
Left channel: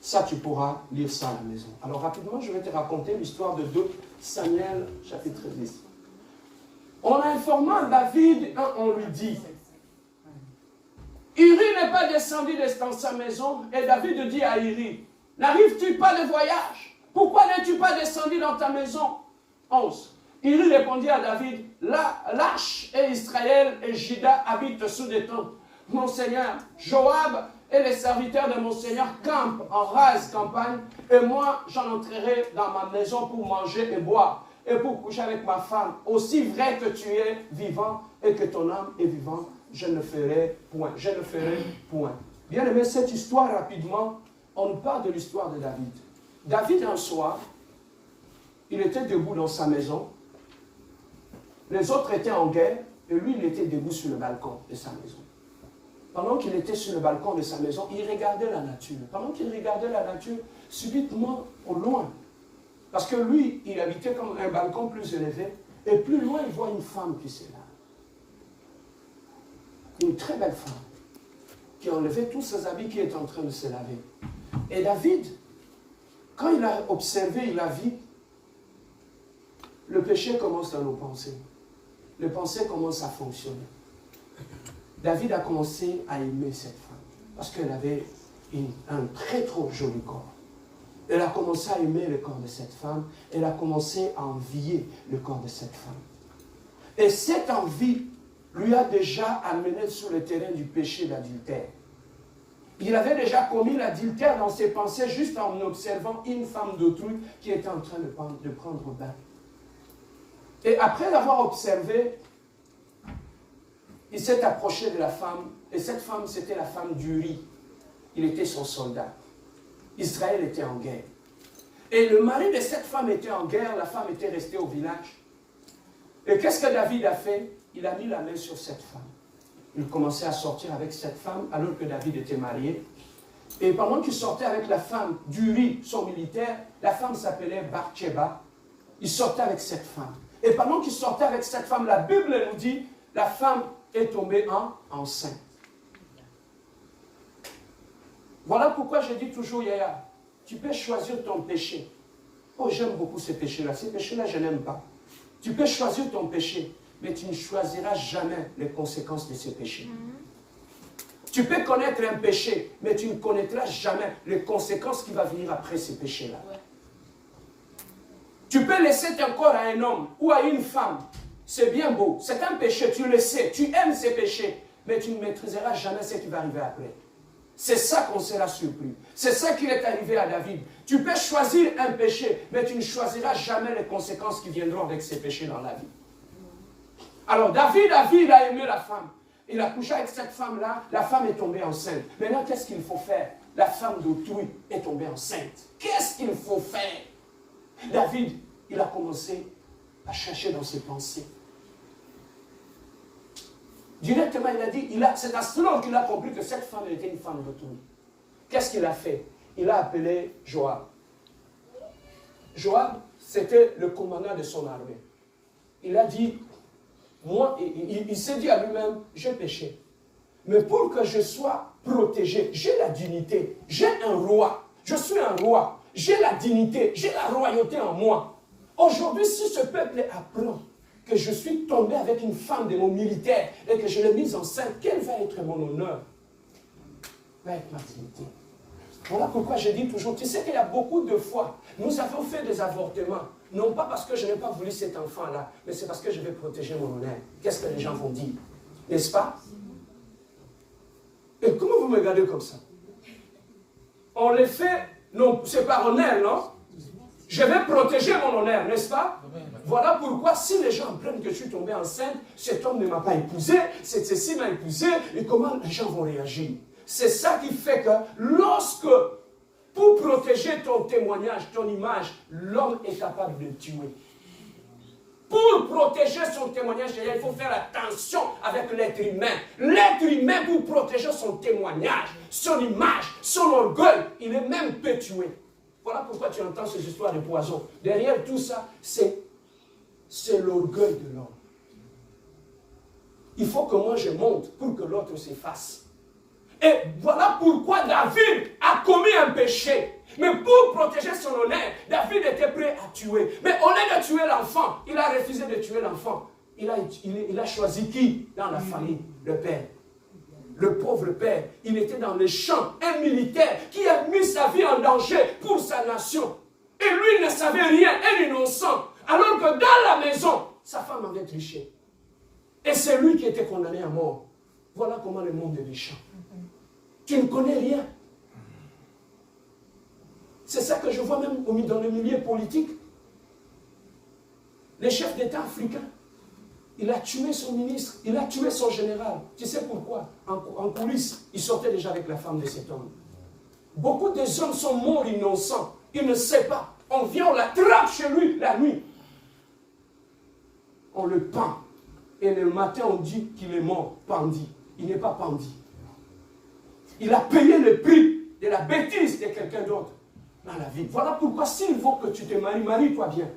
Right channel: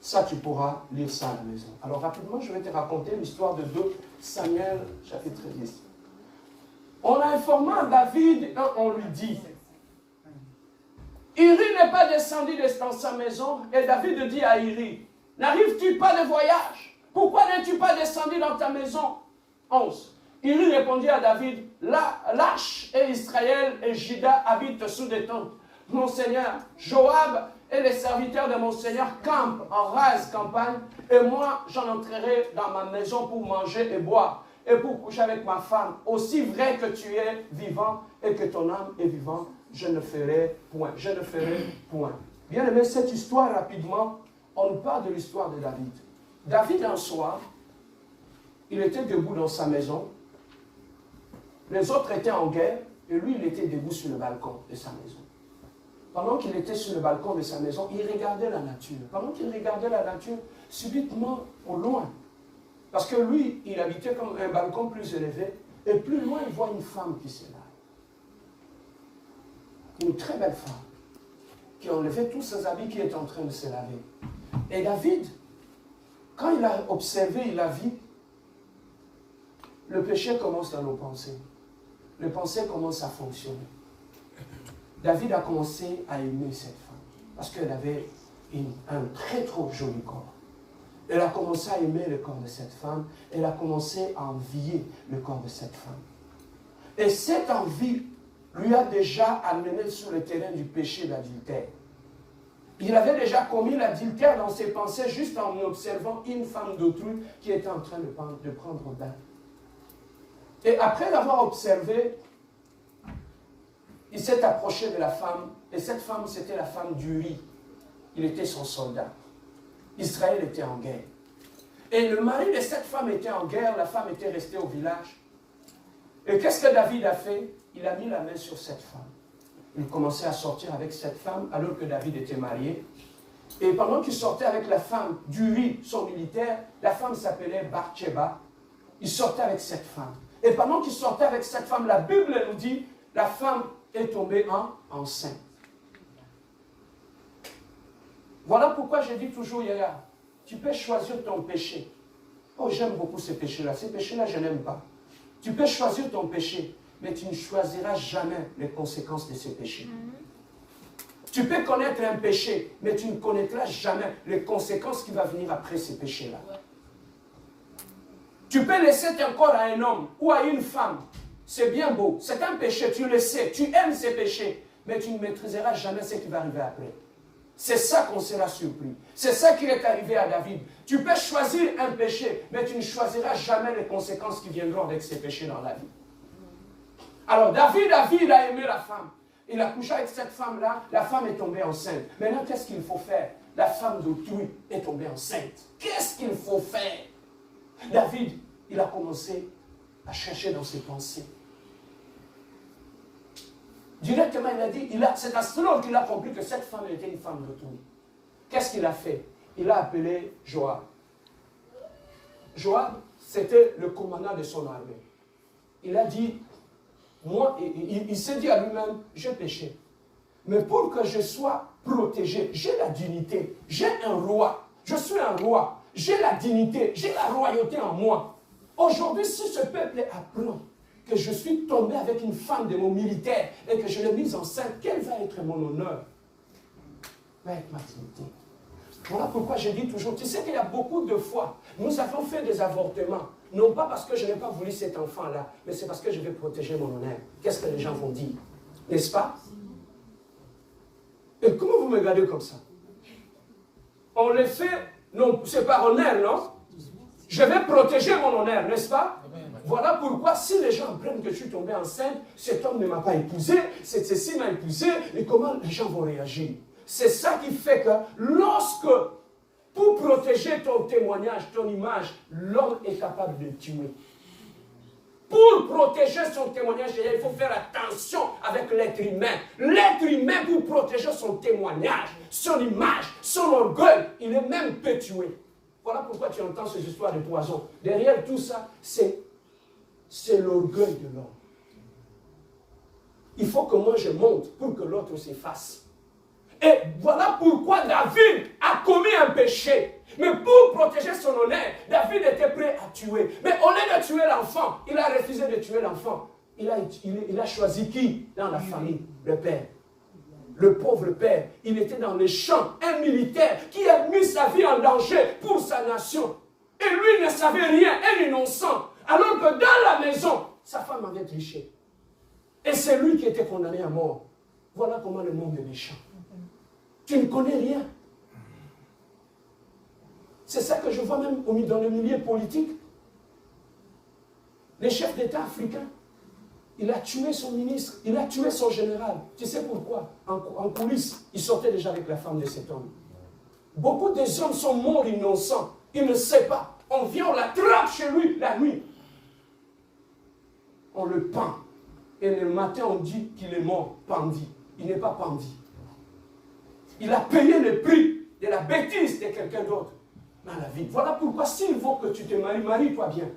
Ça, tu pourras lire ça à la maison. Alors, rapidement, je vais te raconter l'histoire de 2 Samuel, chapitre 10. On a informé David, on lui dit, Uri n'est pas descendu dans sa maison, et David dit à Uri, n'arrives-tu pas de voyage? Pourquoi n'es-tu pas descendu dans ta maison? 11. Uri répondit à David, l'arche et Israël et Juda habitent sous des tentes. Mon Seigneur, Joab et les serviteurs de mon Seigneur campent en rase campagne, et moi j'en entrerai dans ma maison pour manger et boire, et pour coucher avec ma femme. Aussi vrai que tu es vivant et que ton âme est vivante, je ne ferai point. Je ne ferai point. Bien aimé, cette histoire rapidement, on nous parle de l'histoire de David. David, un soir, il était debout dans sa maison, les autres étaient en guerre, et lui, il était debout sur le balcon de sa maison. Pendant qu'il était sur le balcon de sa maison, il regardait la nature. Pendant qu'il regardait la nature, subitement, au loin, parce que lui, il habitait comme un balcon plus élevé, et plus loin, il voit une femme qui s'est là. Une très belle femme, qui a enlevé tous ses habits, qui est en train de se laver. Et David, quand il a observé, il a vu, le péché commence dans nos pensées. Les pensées commencent à fonctionner. David a commencé à aimer cette femme, parce qu'elle avait un très trop joli corps. Elle a commencé à aimer le corps de cette femme, elle a commencé à envier le corps de cette femme. Et cette envie lui a déjà amené sur le terrain du péché d'adultère. Il avait déjà commis l'adultère dans ses pensées juste en observant une femme d'autrui qui était en train de prendre bain. Et après l'avoir observé, il s'est approché de la femme, et cette femme, c'était la femme d'Uri. Il était son soldat. Israël était en guerre. Et le mari de cette femme était en guerre, la femme était restée au village. Et qu'est-ce que David a fait? Il a mis la main sur cette femme. Il commençait à sortir avec cette femme, alors que David était marié. Et pendant qu'il sortait avec la femme d'Uri, son militaire, la femme s'appelait Bathsheba. Il sortait avec cette femme. Et pendant qu'il sortait avec cette femme, la Bible nous dit, la femme est tombée enceinte. Voilà pourquoi je dis toujours, Yaya, tu peux choisir ton péché. Oh, j'aime beaucoup ces péchés-là. Ces péchés-là, je n'aime pas. Tu peux choisir ton péché, mais tu ne choisiras jamais les conséquences de ces péchés. Tu peux connaître un péché, mais tu ne connaîtras jamais les conséquences qui vont venir après ces péchés-là. Tu peux laisser ton corps à un homme ou à une femme. C'est bien beau. C'est un péché, tu le sais. Tu aimes ces péchés, mais tu ne maîtriseras jamais ce qui va arriver après. C'est ça qu'on sera surpris. C'est ça qui est arrivé à David. Tu peux choisir un péché, mais tu ne choisiras jamais les conséquences qui viendront avec ces péchés dans la vie. Alors David a aimé la femme. Il a couché avec cette femme-là. La femme est tombée enceinte. Maintenant, qu'est-ce qu'il faut faire? La femme d'autrui est tombée enceinte. Qu'est-ce qu'il faut faire? David, il a commencé à chercher dans ses pensées. Directement, il a dit, c'est à cela qu'il a compris que cette femme était une femme d'autrui. Qu'est-ce qu'il a fait? Il a appelé Joab. Joab, c'était le commandant de son armée. Il a dit, moi, il s'est dit à lui-même, j'ai péché. Mais pour que je sois protégé, j'ai la dignité, j'ai un roi, je suis un roi, j'ai la dignité, j'ai la royauté en moi. Aujourd'hui, si ce peuple apprend que je suis tombé avec une femme de mon militaire et que je l'ai mise enceinte, quel va être mon honneur? Va être ma dignité. Voilà pourquoi je dis toujours, tu sais qu'il y a beaucoup de fois, nous avons fait des avortements, non pas parce que je n'ai pas voulu cet enfant-là, mais c'est parce que je vais protéger mon honneur. Qu'est-ce que les gens vont dire? N'est-ce pas? Et comment vous me regardez comme ça? On les fait, non, c'est par honneur, non? Je vais protéger mon honneur, n'est-ce pas? Voilà pourquoi si les gens apprennent que je suis tombé enceinte, cet homme ne m'a pas épousé, ceci m'a épousé, et comment les gens vont réagir? C'est ça qui fait que lorsque, pour protéger ton témoignage, ton image, l'homme est capable de tuer. Pour protéger son témoignage, il faut faire attention avec l'être humain. L'être humain, pour protéger son témoignage, son image, son orgueil, il est même peut tuer. Voilà pourquoi tu entends ces histoires de poison. Derrière tout ça, c'est l'orgueil de l'homme. Il faut que moi je monte pour que l'autre s'efface. Et voilà pourquoi David a commis un péché. Mais pour protéger son honneur, David était prêt à tuer. Mais au lieu de tuer l'enfant, il a refusé de tuer l'enfant. Il a choisi qui dans la famille? Le père. Le pauvre père, il était dans les champs, un militaire qui a mis sa vie en danger pour sa nation. Et lui ne savait rien, un innocent. Alors que dans la maison, sa femme avait triché. Et c'est lui qui était condamné à mort. Voilà comment le monde est méchant. Tu ne connais rien. C'est ça que je vois même dans le milieu politique. Les chefs d'État africains, il a tué son ministre, il a tué son général. Tu sais pourquoi? En coulisses, il sortait déjà avec la femme de cet homme. Beaucoup des hommes sont morts innocents. Il ne sait pas. On vient, on l'attrape chez lui la nuit. On le pend. Et le matin, on dit qu'il est mort, pendu. Il n'est pas pendu. Il a payé le prix de la bêtise de quelqu'un d'autre dans la vie. Voilà pourquoi s'il faut que tu te maries, marie-toi bien.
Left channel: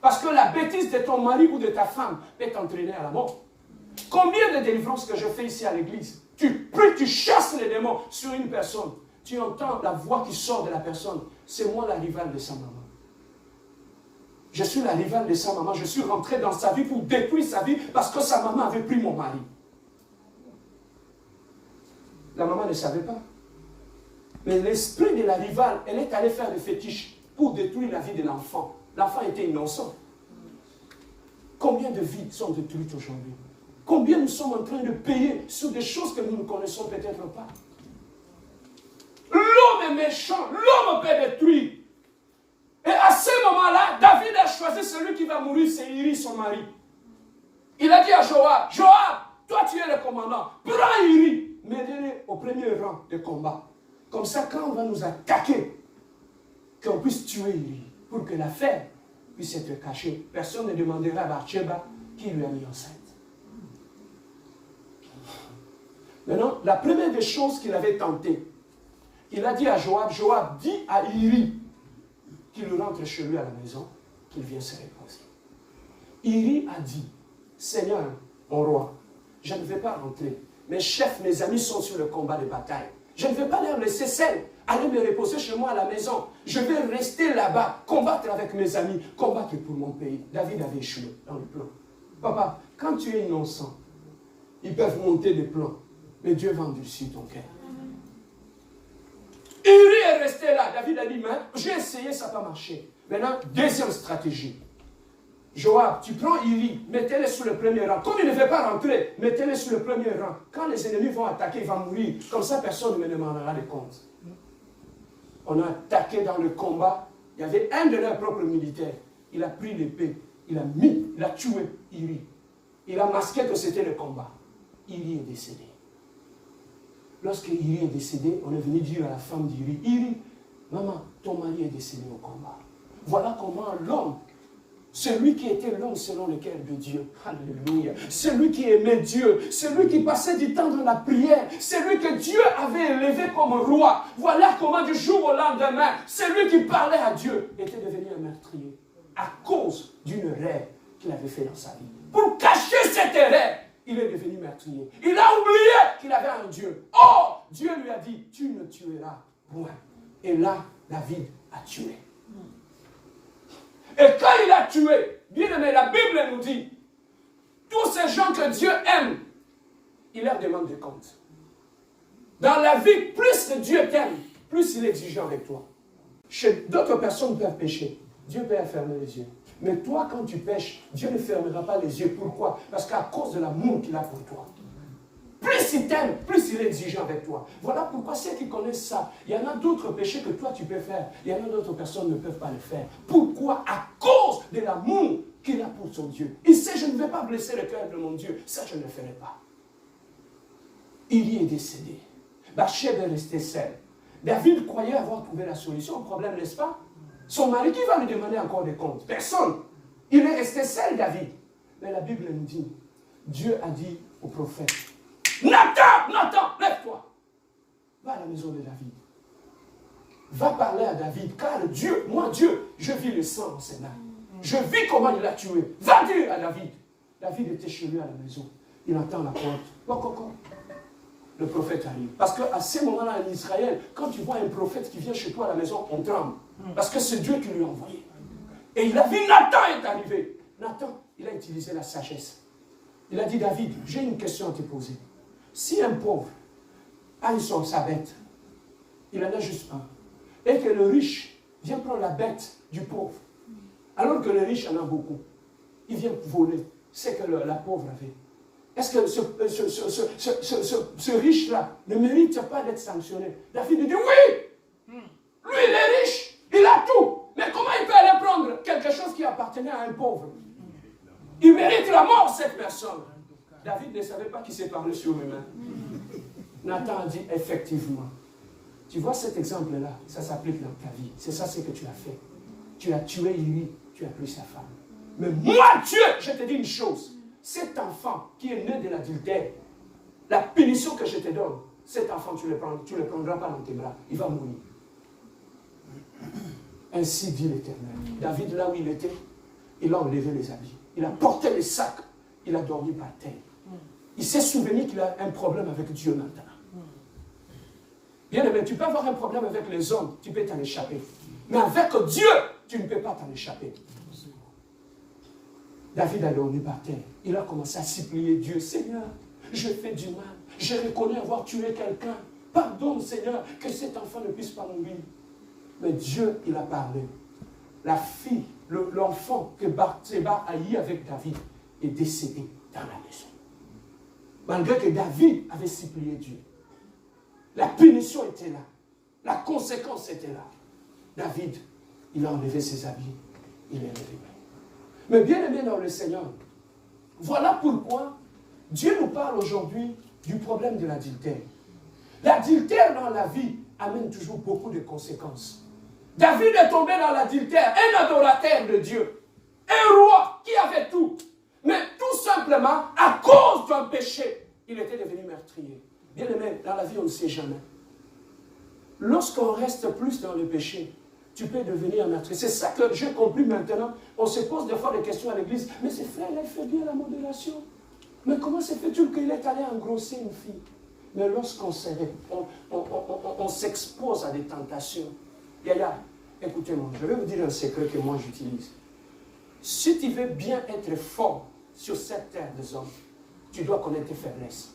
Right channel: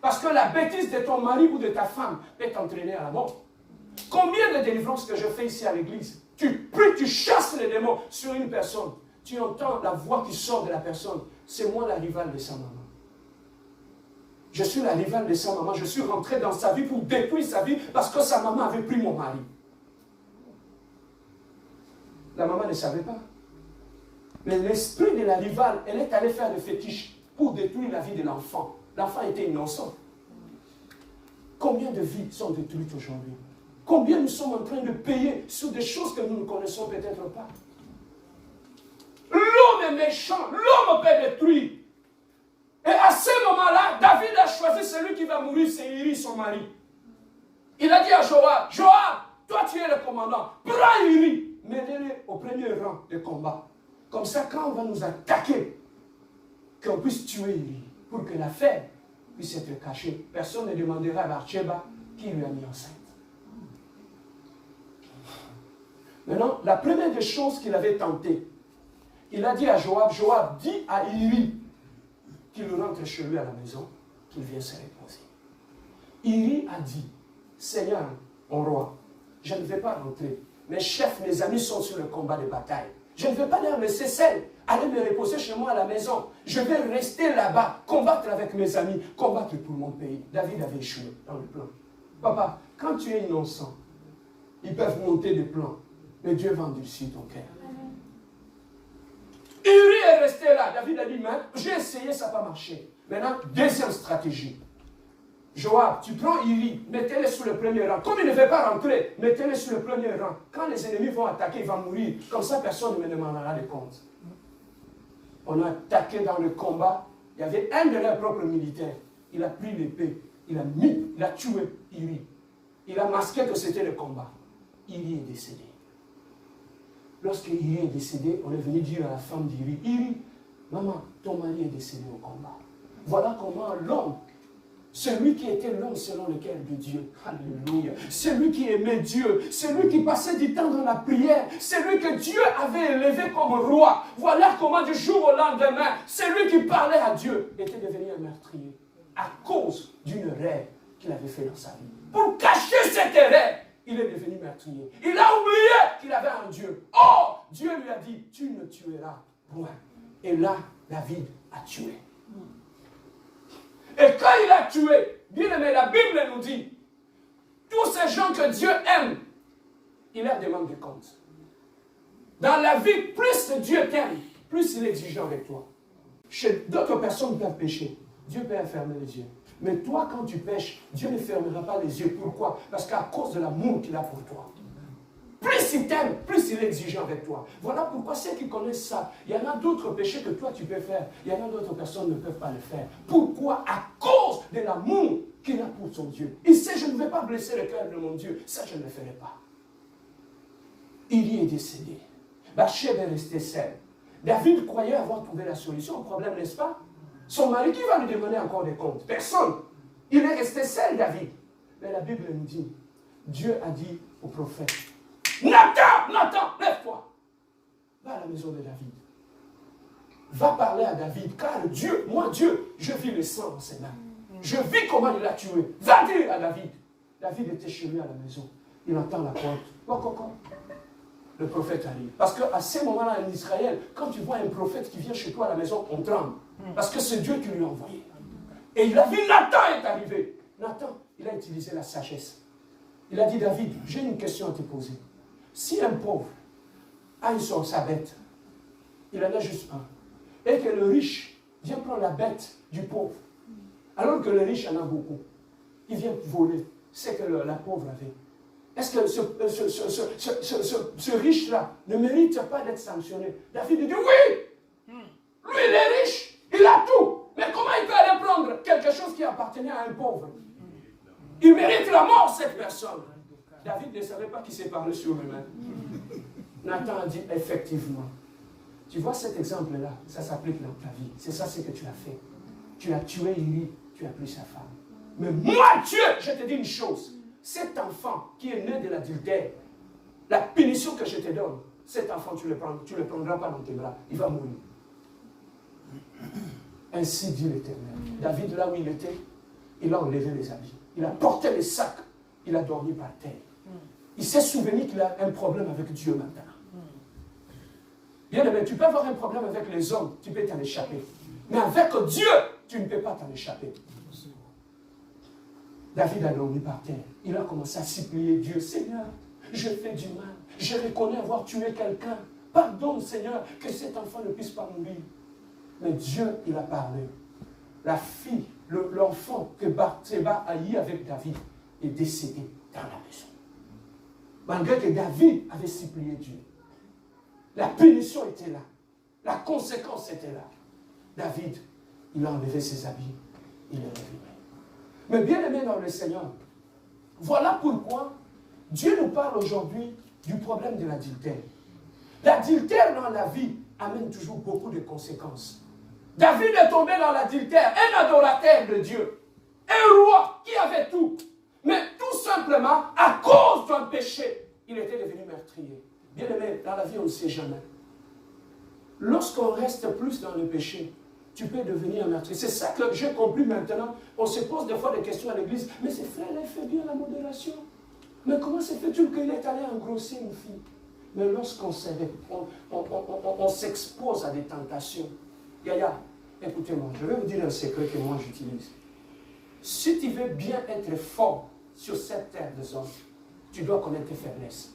Parce que la bêtise de ton mari ou de ta femme peut t'entraîner à la mort. Combien de délivrances que je fais ici à l'église? Tu pries, tu chasses les démons sur une personne. Tu entends la voix qui sort de la personne. C'est moi la rivale de sa maman. Je suis la rivale de sa maman. Je suis rentré dans sa vie pour détruire sa vie parce que sa maman avait pris mon mari. La maman ne savait pas. Mais l'esprit de la rivale, elle est allée faire des fétiches pour détruire la vie de l'enfant. L'enfant était innocent. Combien de vies sont détruites aujourd'hui? Combien nous sommes en train de payer sur des choses que nous ne connaissons peut-être pas? L'homme est méchant, l'homme peut détruire. Et à ce moment-là, David a choisi celui qui va mourir, c'est Iri, son mari. Il a dit à Joab, Joab, toi tu es le commandant, prends Iri, mets-le au premier rang de combat. Comme ça, quand on va nous attaquer, qu'on puisse tuer Iri, pour que l'affaire puisse être cachée. Personne ne demandera à Bathsheba qui lui a mis enceinte. Maintenant, la première des choses qu'il avait tenté, il a dit à Joab, Joab, dis à Iri qu'il rentre chez lui à la maison, qu'il vienne se reposer. Iri a dit, Seigneur, mon roi, je ne vais pas rentrer. Mes chefs, mes amis sont sur le combat de bataille. Je ne vais pas leur laisser seul, aller me reposer chez moi à la maison. Je vais rester là-bas, combattre avec mes amis, combattre pour mon pays. David avait échoué dans le plan. Papa, quand tu es innocent, ils peuvent monter des plans, mais Dieu va endurcir ton cœur. Uri est resté là. David a dit, mais j'ai essayé, ça n'a pas marché. Maintenant, deuxième stratégie. Joab, tu prends Uri, mettez-le sur le premier rang. Comme il ne veut pas rentrer, mettez-le sur le premier rang. Quand les ennemis vont attaquer, il va mourir. Comme ça, personne ne me demandera des comptes. On a attaqué dans le combat. Il y avait un de leurs propres militaires. Il a pris l'épée. Il a tué Uri. Il a masqué que c'était le combat. Uri est décédé. Lorsque Uri est décédé, on est venu dire à la femme d'Uri, Uri, maman, ton mari est décédé au combat. Voilà comment l'homme, celui qui était l'homme selon le cœur de Dieu, alléluia, celui qui aimait Dieu, celui qui passait du temps dans la prière, celui que Dieu avait élevé comme roi, voilà comment du jour au lendemain, celui qui parlait à Dieu était devenu un meurtrier à cause d'une erreur qu'il avait fait dans sa vie. Pour cacher cette erreur, il est devenu meurtrier. Il a oublié qu'il avait un Dieu. Oh, Dieu lui a dit, tu ne tueras point. Et là, David a tué. Et quand il a tué, bien aimé, la Bible nous dit, tous ces gens que Dieu aime, il leur demande des comptes. Dans la vie, plus Dieu t'aime, plus il est exigeant avec toi. Chez d'autres personnes peuvent pécher. Dieu peut fermer les yeux. Mais toi, quand tu pêches, Dieu ne fermera pas les yeux. Pourquoi? Parce qu'à cause de l'amour qu'il a pour toi. Plus il t'aime, plus il est exigeant avec toi. Voilà pourquoi ceux qui connaissent ça, il y en a d'autres péchés que toi tu peux faire. Il y en a d'autres personnes qui ne peuvent pas le faire. Pourquoi? À cause de l'amour qu'il a pour son Dieu. Il sait, je ne vais pas blesser le cœur de mon Dieu. Ça, je ne le ferai pas. Il y est décédé. Bathsheba est restée seule. David croyait avoir trouvé la solution au problème, n'est-ce pas? Son mari, qui va lui demander encore des comptes? Personne. Il est resté seul, David. Mais la Bible nous dit, Dieu a dit au prophète, Nathan, lève-toi. Va à la maison de David. Va parler à David, car Dieu, je vis le sang dans ses mains. Je vis comment il a tué. Va dire à David. David était chez lui à la maison. Il entend la porte. Le prophète arrive. Parce qu'à ce moment-là, en Israël, quand tu vois un prophète qui vient chez toi à la maison, on tremble. Parce que c'est Dieu qui lui a envoyé. Et il a vu Nathan est arrivé. Nathan, il a utilisé la sagesse. Il a dit, David, j'ai une question à te poser. Si un pauvre a sa bête, il en a juste un, et que le riche vient prendre la bête du pauvre, alors que le riche en a beaucoup, il vient voler ce que la pauvre avait. Est-ce que ce riche-là ne mérite pas d'être sanctionné? David dit oui! Lui, il est riche, il a tout. Mais comment il peut aller prendre quelque chose qui appartenait à un pauvre? Il mérite la mort, cette personne. David ne savait pas qu'il s'est parlé sur lui-même. Nathan a dit effectivement. Tu vois cet exemple-là, ça s'applique dans ta vie. C'est ça ce que tu as fait. Tu as tué Uri, tu as pris sa femme. Mais moi, Dieu, je te dis une chose. Cet enfant qui est né de l'adultère, la punition que je te donne, cet enfant, tu ne le prendras pas dans tes bras. Il va mourir. Ainsi dit l'Éternel. David, là où il était, il a enlevé les habits. Il a porté les sacs. Il a dormi par terre. Il s'est souvenu qu'il a un problème avec Dieu maintenant. Bien aimé, tu peux avoir un problème avec les hommes, tu peux t'en échapper. Mais avec Dieu, tu ne peux pas t'en échapper. David a dormi par terre. Il a commencé à supplier Dieu. Seigneur, je fais du mal. Je reconnais avoir tué quelqu'un. Pardonne, Seigneur, que cet enfant ne puisse pas mourir. Mais Dieu, il a parlé. La fille, l'enfant que Bathsheba a eu avec David est décédé dans la maison. Malgré que David avait supplié Dieu. La punition était là. La conséquence était là. David, il a enlevé ses habits. Il est revenu. Mais bien aimé dans le Seigneur, voilà pourquoi Dieu nous parle aujourd'hui du problème de l'adultère. L'adultère dans la vie amène toujours beaucoup de conséquences. David est tombé dans l'adultère, un adorateur de Dieu, un roi qui avait tout. Mais tout simplement, à cause d'un péché, il était devenu meurtrier. Bien aimé, dans la vie, on ne sait jamais. Lorsqu'on reste plus dans le péché, tu peux devenir un meurtrier. C'est ça que j'ai compris maintenant. On se pose des fois des questions à l'église. Mais ce frère, il fait bien la modération. Mais comment se fait-il qu'il est allé engrosser une fille? Mais lorsqu'on s'expose à des tentations, Yaya, écoutez-moi, je vais vous dire un secret que moi j'utilise. Si tu veux bien être fort sur cette terre des hommes, tu dois connaître tes faiblesses.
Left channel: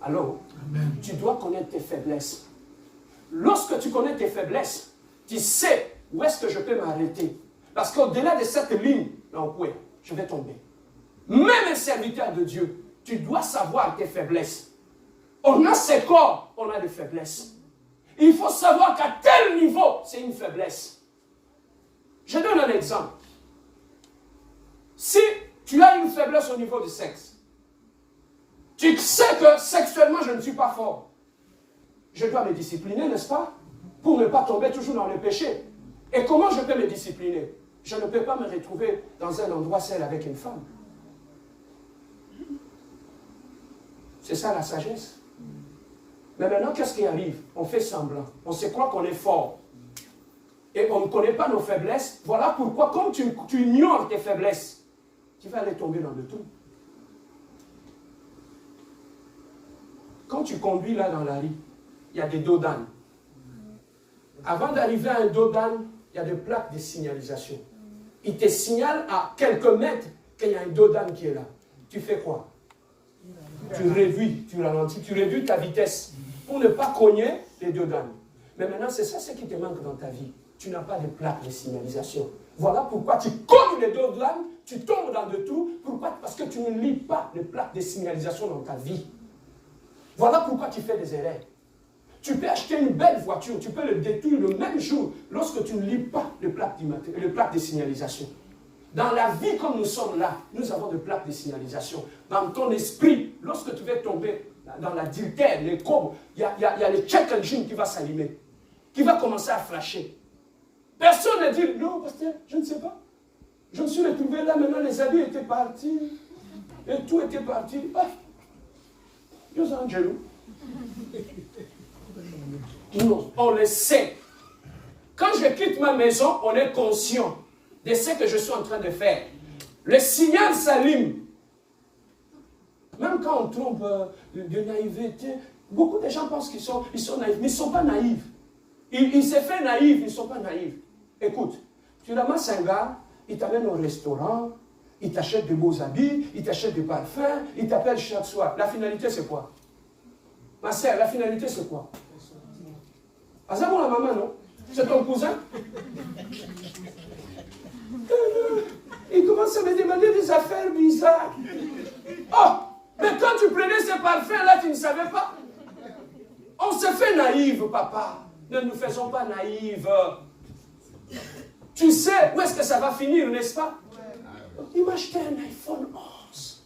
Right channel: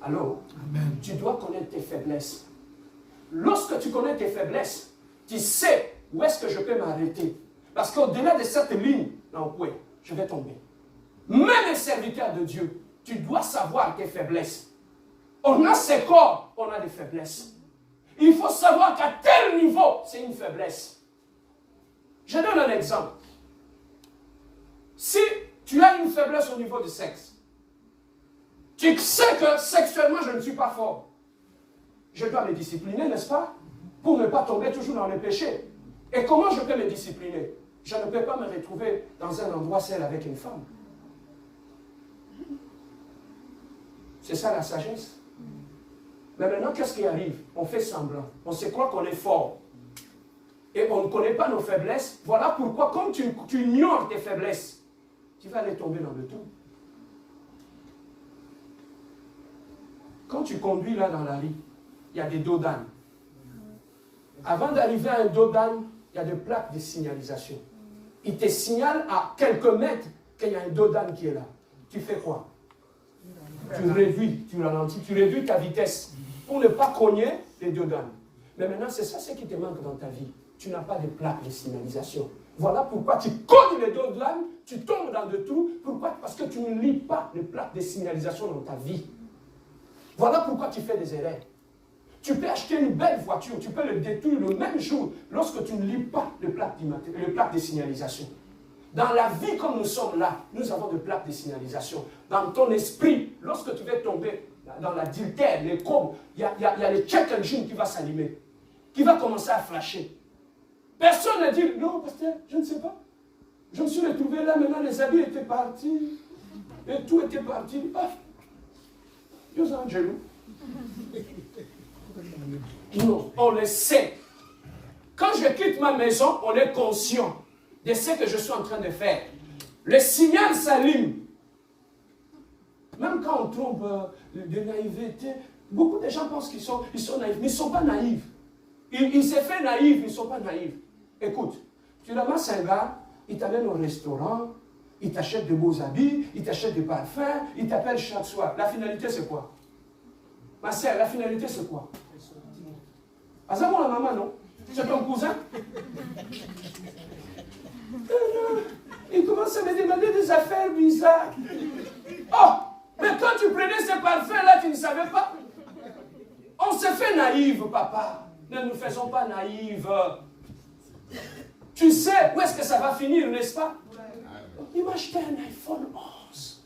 Alors, tu dois connaître tes faiblesses. Lorsque tu connais tes faiblesses, tu sais où est-ce que je peux m'arrêter. Parce qu'au-delà de cette ligne, je vais tomber. Même un serviteur de Dieu, tu dois savoir tes faiblesses. On a ses corps, on a des faiblesses. Il faut savoir qu'à tel niveau, c'est une faiblesse. Je donne un exemple. Si tu as une faiblesse au niveau du sexe, tu sais que sexuellement, je ne suis pas fort. Je dois me discipliner, n'est-ce pas? Pour ne pas tomber toujours dans le péché. Et comment je peux me discipliner? Je ne peux pas me retrouver dans un endroit seul avec une femme. C'est ça la sagesse. Mais maintenant, qu'est-ce qui arrive? On fait semblant. On se croit qu'on est fort. Et on ne connaît pas nos faiblesses. Voilà pourquoi, comme tu ignores tes faiblesses, tu vas aller tomber dans le tout. Quand tu conduis là dans la rue, il y a des dos d'âne. Avant d'arriver à un dos d'âne, il y a des plaques de signalisation. Il te signale à quelques mètres qu'il y a un dos d'âne qui est là. Tu fais quoi? Tu réduis, tu ralentis, tu réduis ta vitesse pour ne pas cogner les dos d'âne. Mais maintenant, c'est ça ce qui te manque dans ta vie. Tu n'as pas de plaques de signalisation. Voilà pourquoi tu cognes les dos d'âne, tu tombes dans le tout. Pourquoi? Parce que tu ne lis pas les plaques de signalisation dans ta vie. Voilà pourquoi tu fais des erreurs. Tu peux acheter une belle voiture, tu peux le détruire le même jour lorsque tu ne lis pas les plaques de signalisation. Dans la vie comme nous sommes là, nous avons des plaques de signalisation. Dans ton esprit, lorsque tu vas tomber dans l'adultère, les courbes, il y a le check engine qui va s'allumer, qui va commencer à flasher. Personne ne dit, non, pasteur, je ne sais pas. Je me suis retrouvé là, maintenant les habits étaient partis, et tout était parti. Paf. Dieu Angelo. Non, on le sait. Quand je quitte ma maison, on est conscient de ce que je suis en train de faire. Le signal s'allume. Même quand on trompe de naïveté, beaucoup de gens pensent qu'ils sont naïfs, mais ils ne sont pas naïfs. Ils se font naïfs, ils ne sont pas naïfs. Écoute, tu ramasses un gars, il t'amène au restaurant, il t'achète de beaux habits, il t'achète des parfums, il t'appelle chaque soir. La finalité, c'est quoi? Ma sœur, la finalité, c'est quoi? Ah, ça pour la maman, non? C'est ton cousin? Il commence à me demander des affaires bizarres. Oh, mais quand tu prenais ce parfum-là, tu ne savais pas. On se fait naïve, papa. Ne nous faisons pas naïves. Tu sais où est-ce que ça va finir, n'est-ce pas? Il m'a acheté un iPhone 11.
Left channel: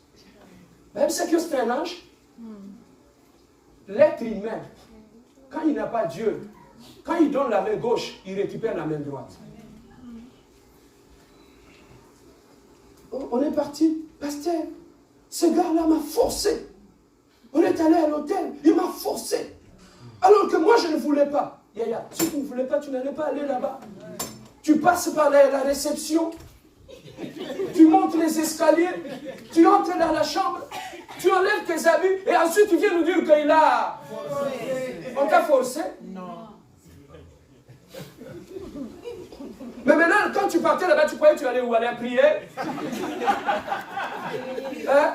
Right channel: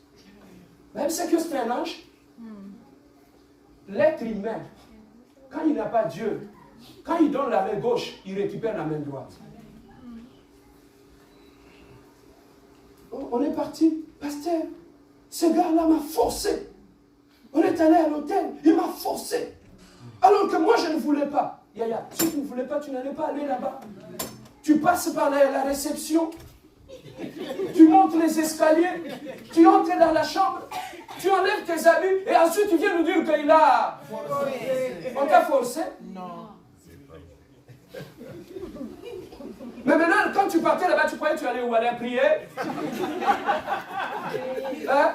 Même c'est que c'est un ange. L'être humain, quand il n'a pas Dieu, quand il donne la main gauche, il récupère la main droite. On est parti. Pasteur, ce gars-là m'a forcé. On est allé à l'hôtel, il m'a forcé. Alors que moi, je ne voulais pas. Yaya, si tu ne voulais pas, tu n'allais pas aller là-bas. Tu passes par la réception, tu montes les escaliers, tu entres dans la chambre, tu enlèves tes habits et ensuite tu viens nous dire qu'il a... On t'a forcé? Non. Mais maintenant, quand tu partais là-bas, tu croyais que tu allais où? Aller à prier? Hein?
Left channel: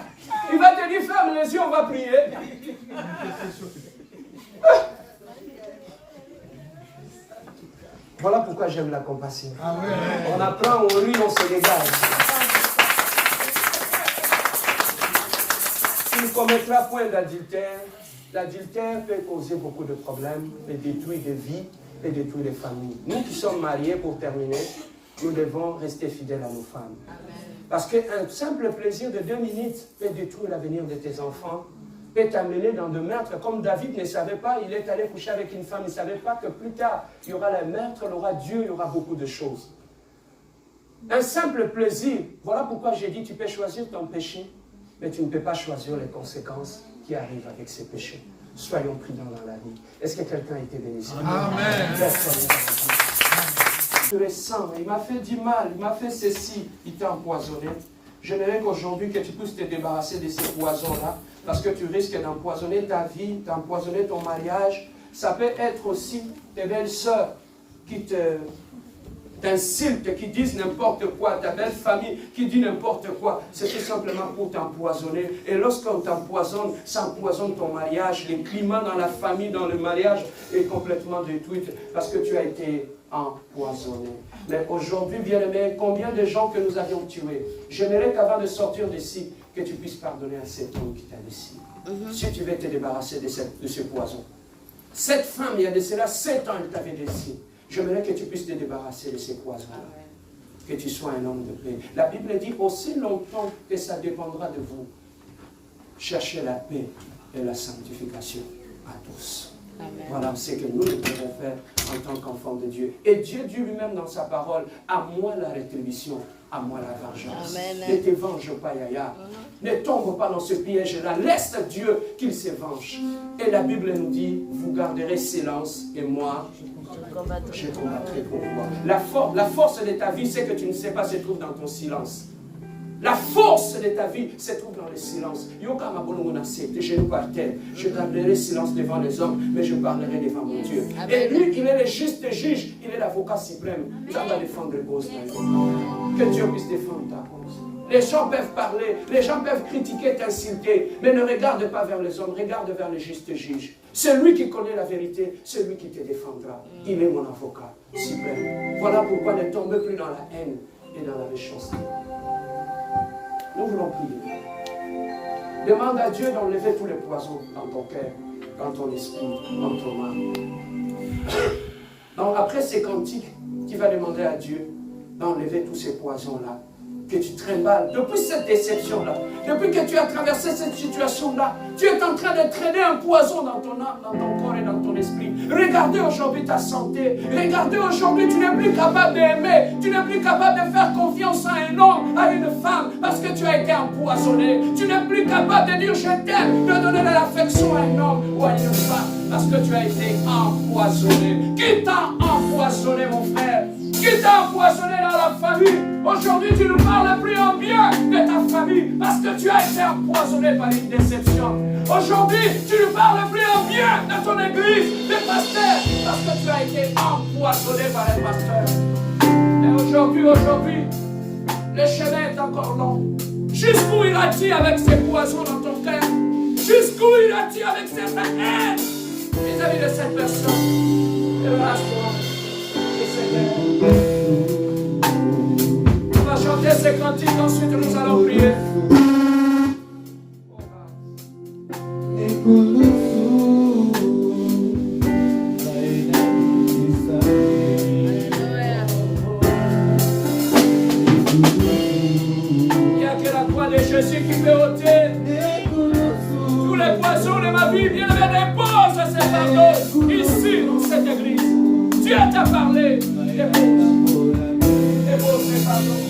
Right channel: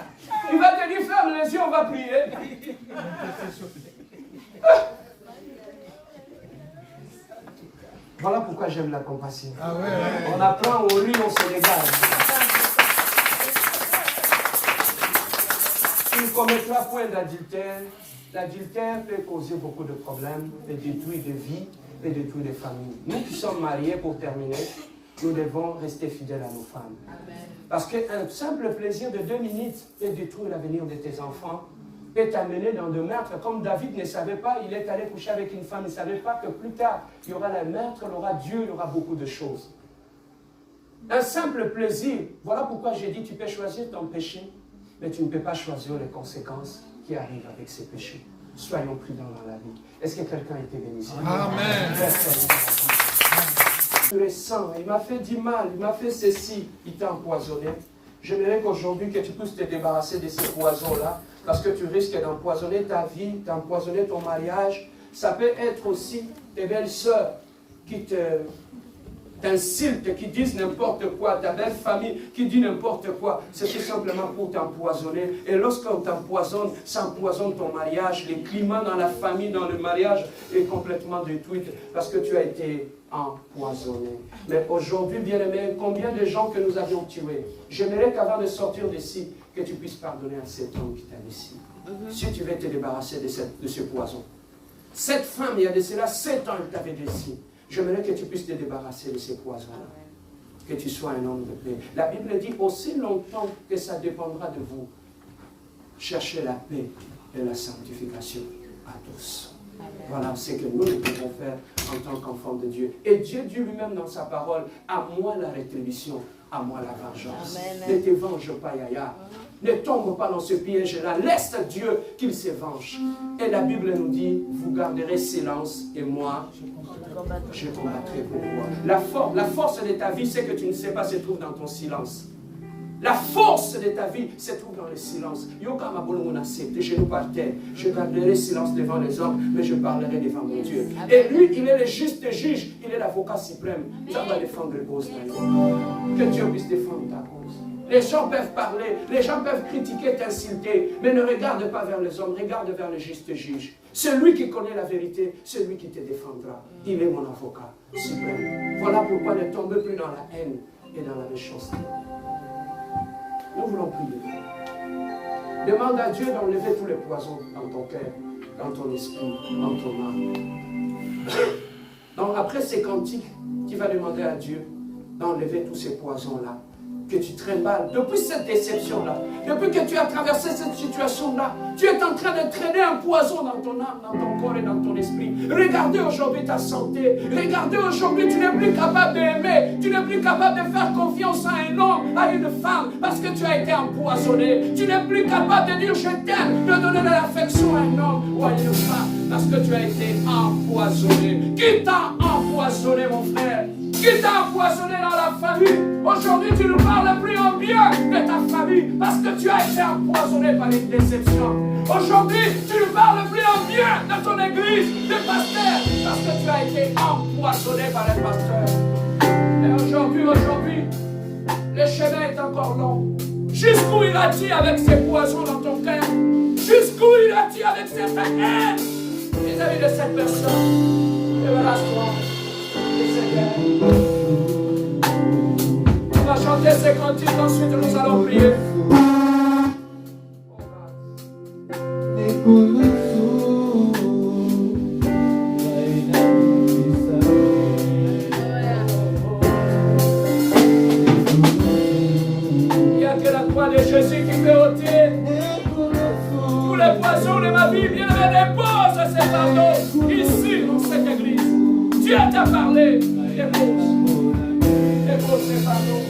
Il va te dire, ferme les yeux, on va prier. Voilà pourquoi j'aime la compassion. Ah ouais. On apprend, on rit, on se régale. Tu ne commettras point d'adultère. L'adultère peut causer beaucoup de problèmes et détruire des vies et détruire des familles. Nous qui sommes mariés, pour terminer, nous devons rester fidèles à nos femmes. Amen. Parce qu'un simple plaisir de 2 minutes peut détruire l'avenir de tes enfants, peut t'amener dans de meurtres. Comme David ne savait pas, il est allé coucher avec une femme, il ne savait pas que plus tard, il y aura le meurtre, il y aura Dieu, il y aura beaucoup de choses. Un simple plaisir, voilà pourquoi j'ai dit, tu peux choisir ton péché, mais tu ne peux pas choisir les conséquences qui arrivent avec ces péchés. Soyons prudents dans la vie. Est-ce que quelqu'un a été béni? Amen. Le sang, il m'a fait du mal, il m'a fait ceci, il t'a empoisonné. J'aimerais qu'aujourd'hui que tu puisses te débarrasser de ces poisons-là, parce que tu risques d'empoisonner ta vie, d'empoisonner ton mariage. Ça peut être aussi tes belles sœurs qui t'insultent, qui disent n'importe quoi, ta belle famille qui dit n'importe quoi. C'est tout simplement pour t'empoisonner. Et lorsqu'on t'empoisonne, ça empoisonne ton mariage. Le climat dans la famille, dans le mariage est complètement détruit parce que tu as été empoisonné. Mais aujourd'hui, bien-aimé, combien de gens que nous avions tués? J'aimerais qu'avant de sortir d'ici, que tu puisses pardonner à cet homme qui t'a laissé. Si tu veux te débarrasser de ce poison. Cette femme, il y a de cela 7 ans, elle t'avait laissé. J'aimerais que tu puisses te débarrasser de ces poisons-là. Que tu sois un homme de paix. La Bible dit aussi longtemps que ça dépendra de vous. Cherchez la paix et la sanctification à tous. Amen. Voilà ce que nous devons faire en tant qu'enfants de Dieu. Et Dieu dit lui-même dans sa parole, à moi la rétribution, à moi la vengeance. Amen. Ne te venge pas, Yaya. Ne tombe pas dans ce piège-là. Laisse Dieu qu'il se venge. Et la Bible nous dit, vous garderez silence et moi, je combattrai pour vous. La force de ta vie, c'est que tu ne sais pas, se trouve dans ton silence. La force de ta vie se trouve dans le silence. Tes genoux par terre. Je garderai silence devant les hommes, mais je parlerai devant mon Dieu. Et lui, il est le juste juge. Il est l'avocat suprême. Ça va défendre la cause. Que Dieu puisse défendre ta cause. Les gens peuvent parler, les gens peuvent critiquer, t'insulter, mais ne regarde pas vers les hommes, regarde vers le juste juge. Celui qui connaît la vérité, celui qui te défendra. Il est mon avocat suprême. Voilà pourquoi ne tombe plus dans la haine et dans la méchanceté. Nous voulons prier. Demande à Dieu d'enlever tous les poisons dans ton cœur, dans ton esprit, dans ton âme. Donc après ces cantiques, tu vas demander à Dieu d'enlever tous ces poisons-là. Que tu trimballes, depuis cette déception-là, depuis que tu as traversé cette situation-là, tu es en train de traîner un poison dans ton âme, dans ton corps et dans ton esprit. Regardez aujourd'hui ta santé. Regardez aujourd'hui, tu n'es plus capable d'aimer. Tu n'es plus capable de faire confiance à un homme, à une femme, parce que tu as été empoisonné. Tu n'es plus capable de dire je t'aime, de donner de l'affection à un homme ou à une femme, parce que tu as été empoisonné. Qui t'a empoisonné, mon frère? Qui t'a empoisonné dans la famille? Aujourd'hui, tu ne parles plus en bien de ta famille parce que tu as été empoisonné par une déception. Aujourd'hui, tu ne parles plus en bien de ton église, de pasteur, parce que tu as été empoisonné par un pasteur. Et aujourd'hui, le chemin est encore long. Jusqu'où il a dit avec ses poisons dans ton cœur? Jusqu'où il a dit avec cette haine vis-à-vis de cette personne? Débarrasse-toi. On va chanter ces cantiques. ce fardeau ici dans cette église. Dieu t'a parlé. Dépose ces fardeaux.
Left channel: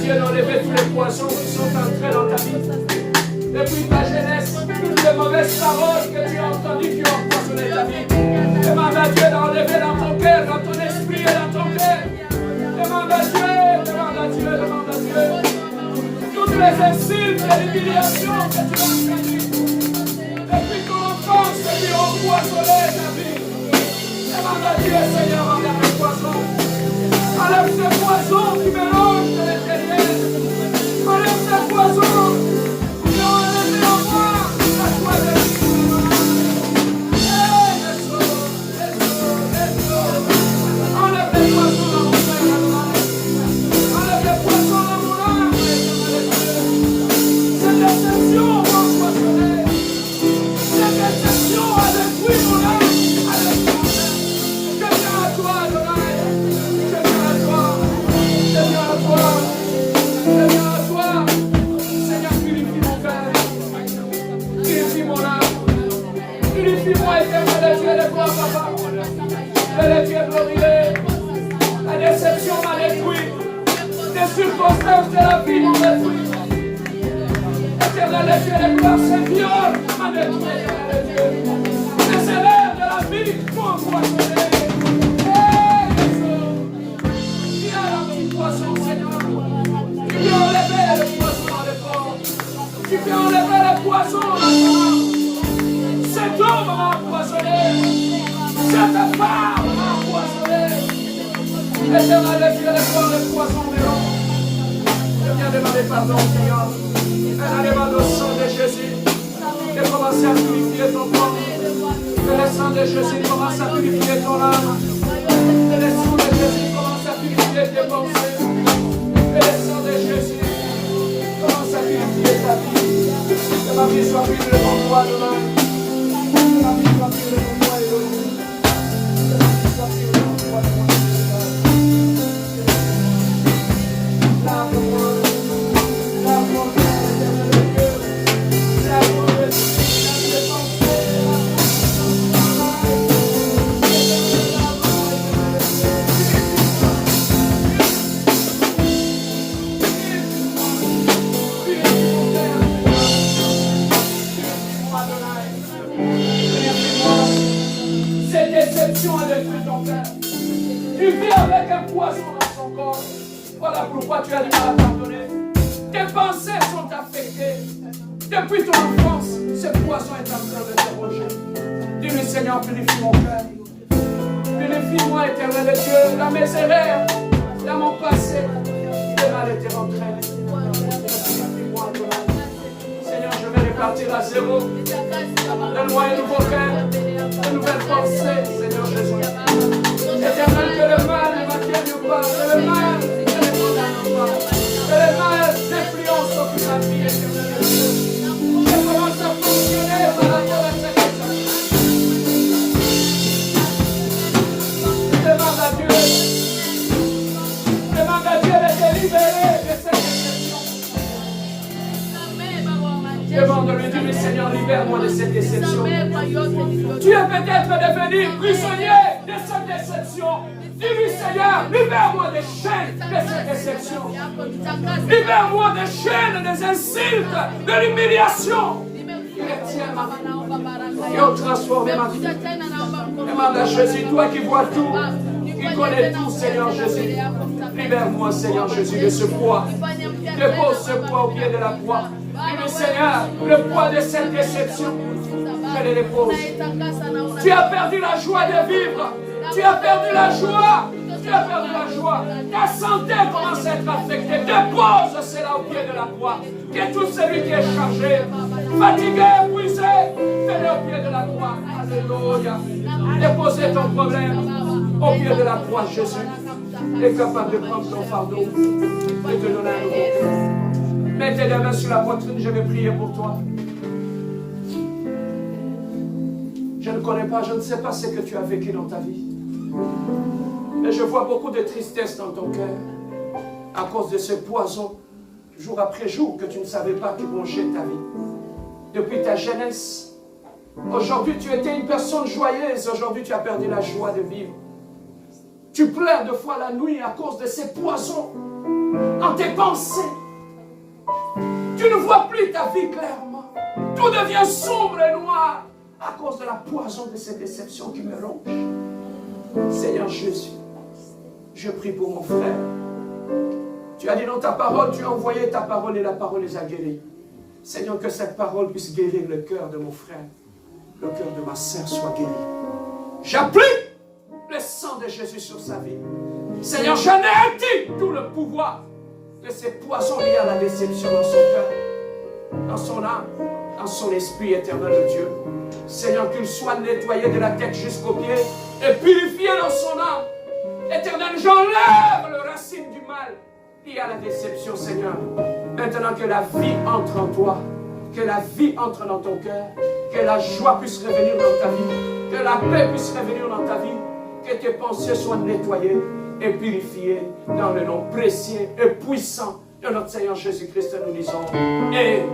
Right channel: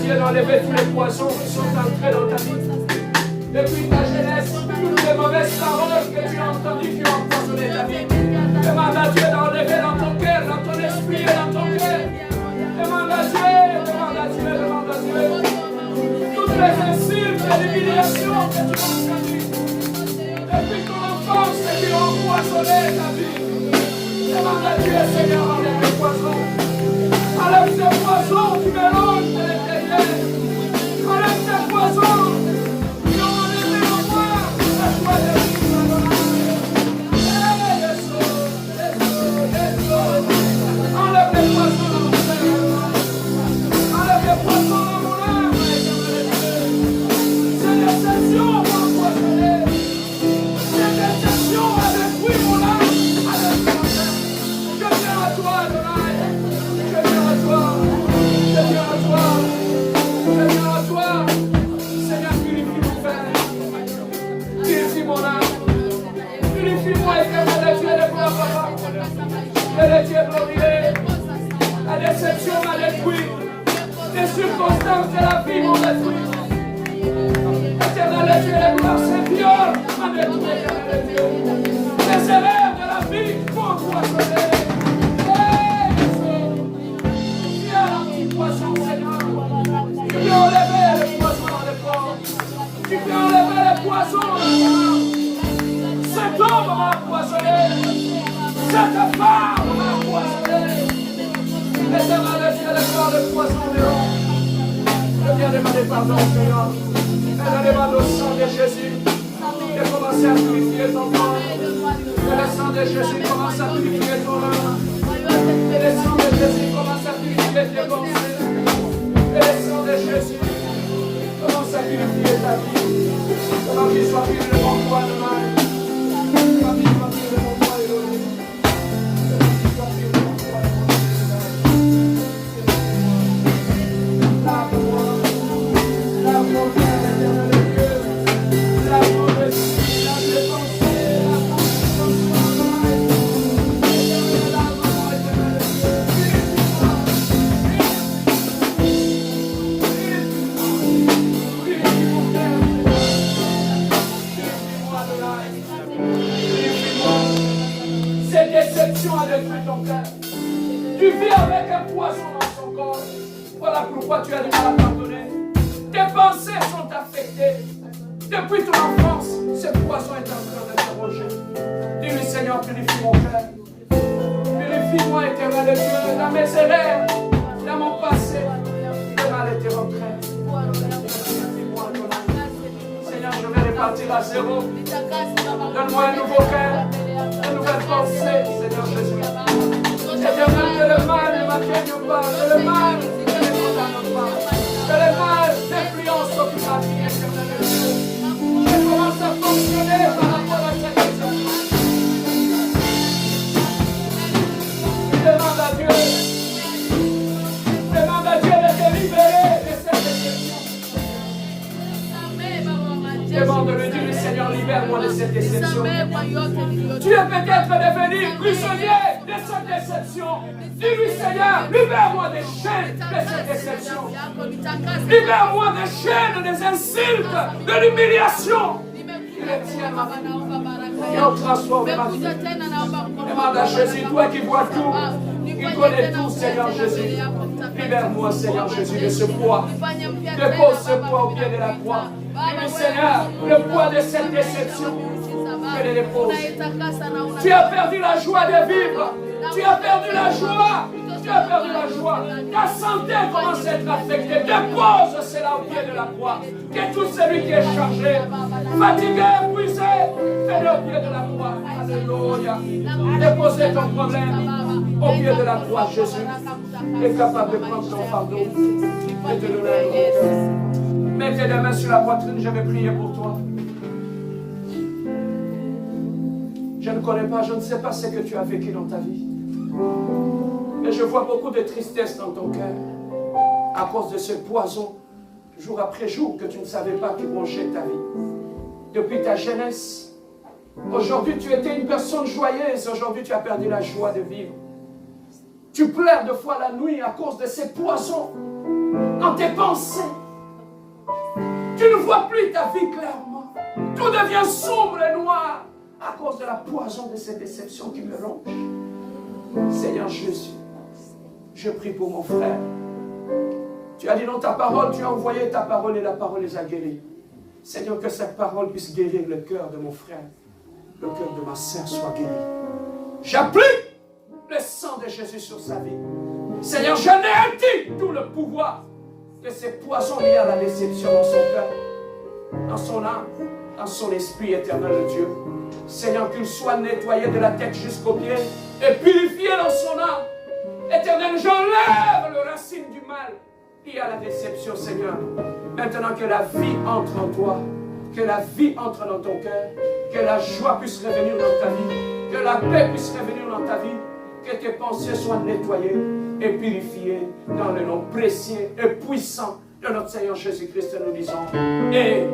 Dieu d'enlever tous les poissons qui sont entrés dans ta vie. Depuis ta jeunesse, toutes les mauvaises paroles que tu as entendues qui ont empoisonné ta vie. Demande à Dieu d'enlever dans ton cœur, dans ton esprit et dans ton cœur. Demande à Dieu, demande à Dieu, demande à Dieu. Toutes les insultes et l'humiliation que tu as entendues depuis ton enfance et qui ont empoisonné ta vie. Demande à Dieu, Seigneur, enlève les poissons. Enlève ces poissons qui mélangent de l'intérieur. Enlève ces poissons qui ont enlevé en moi la joie de vivre. Enlève les poissons dans mon cœur. Enlève les poissons dans mon âme. Ces déceptions m'ont empoisonné. Ces déceptions ont détruit mon âme. Je viens à toi, Adonai. Je viens à toi. Je viens à toi. Seigneur, purifie mon cœur. Purifie mon âme. Purifie-moi, éternel Dieu de gloire, papa. Que le Dieu glorieux. La déception m'a détruit. Les circonstances de la vie m'ont détruit. Éternel Dieu de gloire, ces viols m'a détruit, éternel Dieu. Les erreurs de la vie m'ont empoisonné. Poisson, Seigneur. Tu peux enlever le poisson dans les corps. Tu peux enlever le poisson dans le corps. Cet homme m'a empoisonné. Cette femme m'a empoisonné. Éternel Dieu, de voir le poisson de l'homme. Je viens demander pardon, Seigneur. Mais demande au sang de Jésus de commencer à purifier ton corps. Que le sang de Jésus commence à purifier ton âme. Que le sang de Jésus commence à purifier tes pensées. Que le sang de Jésus commence à purifier ta vie. Que ma vie soit pure devant toi demain. Lave-moi, lave-moi, éternel Dieu. Lave-moi, esprit, lave mes pensées, cette déception a détruit ton cœur. Tu vis avec un poison dans ton corps. Voilà pourquoi tu as du mal à pardonner. Tes pensées sont affectées. Depuis ton enfance, ce poison est en train de te ronger. Dis-lui, Seigneur, purifie mon cœur. Purifie-moi, éternel Dieu, dans mes erreurs, dans mon passé. Le mal était rentré. Purifie-moi, Seigneur, je vais repartir à zéro. Donne-moi un nouveau cœur, une nouvelle pensée, Seigneur Jésus. Éternel, que le mal ne m'atteigne pas, que le mal ne me condamne pas, que le mal n'influence sur ma vie, éternel Dieu. Je commence à fonctionner par rapport à cette question. Demande à Dieu Demande à Dieu de te libérer de cette déception. Demande-lui, dis-lui, Seigneur, libère-moi de cette déception. Tu es peut-être devenu prisonnier de cette déception. Dis-lui, Seigneur, libère-moi des chaînes de cette déception. Libère-moi des chaînes, des insultes, de l'humiliation. Retiens ma vie et on transforme ma vie. Demande à Jésus, toi qui vois tout, qui connais tout, Seigneur Jésus. Libère-moi, Seigneur Jésus, de ce poids. Dépose ce poids au pied de la croix. Dis-lui, Seigneur, le poids de cette déception, je le dépose. Tu as perdu la joie de vivre. Tu as perdu la joie. Tu as perdu la joie. Ta santé commence à être affectée. Dépose cela au pied de la croix. Que tout celui qui est chargé, fatigué, épuisé, fais-le au pied de la croix. Alléluia. Déposez ton problème au pied de la croix. Jésus est capable de prendre ton fardeau et te donner un nouveau cœur. Mets tes mains sur la poitrine, je vais prier pour toi. Je ne connais pas, je ne sais pas ce que tu as vécu dans ta vie. Mais je vois beaucoup de tristesse dans ton cœur à cause de ce poison, jour après jour, que tu ne savais pas qui rongeait ta vie. Depuis ta jeunesse, aujourd'hui tu étais une personne joyeuse, aujourd'hui tu as perdu la joie de vivre. Tu pleures deux fois la nuit à cause de ces poisons dans tes pensées. Tu ne vois plus ta vie clairement. Tout devient sombre et noir à cause de la poison de cette déception qui me ronge. Seigneur Jésus, je prie pour mon frère. Tu as dit dans ta parole, tu as envoyé ta parole et la parole les a guéris. Seigneur, que cette parole puisse guérir le cœur de mon frère. Le cœur de ma sœur soit guéri. J'applique le sang de Jésus sur sa vie. Seigneur, j'anéantis tout le pouvoir de ces poisons liés à la déception dans son cœur, dans son âme, dans son esprit éternel de Dieu. Seigneur, qu'il soit nettoyé de la tête jusqu'aux pieds et purifié dans son âme. Éternel, j'enlève le racine du mal lié à la déception, Seigneur. Maintenant que la vie entre en toi, que la vie entre dans ton cœur, que la joie puisse revenir dans ta vie, que la paix puisse revenir dans ta vie, que tes pensées soient nettoyées et purifiées dans le nom précieux et puissant de notre Seigneur Jésus-Christ. Nous disons Amen.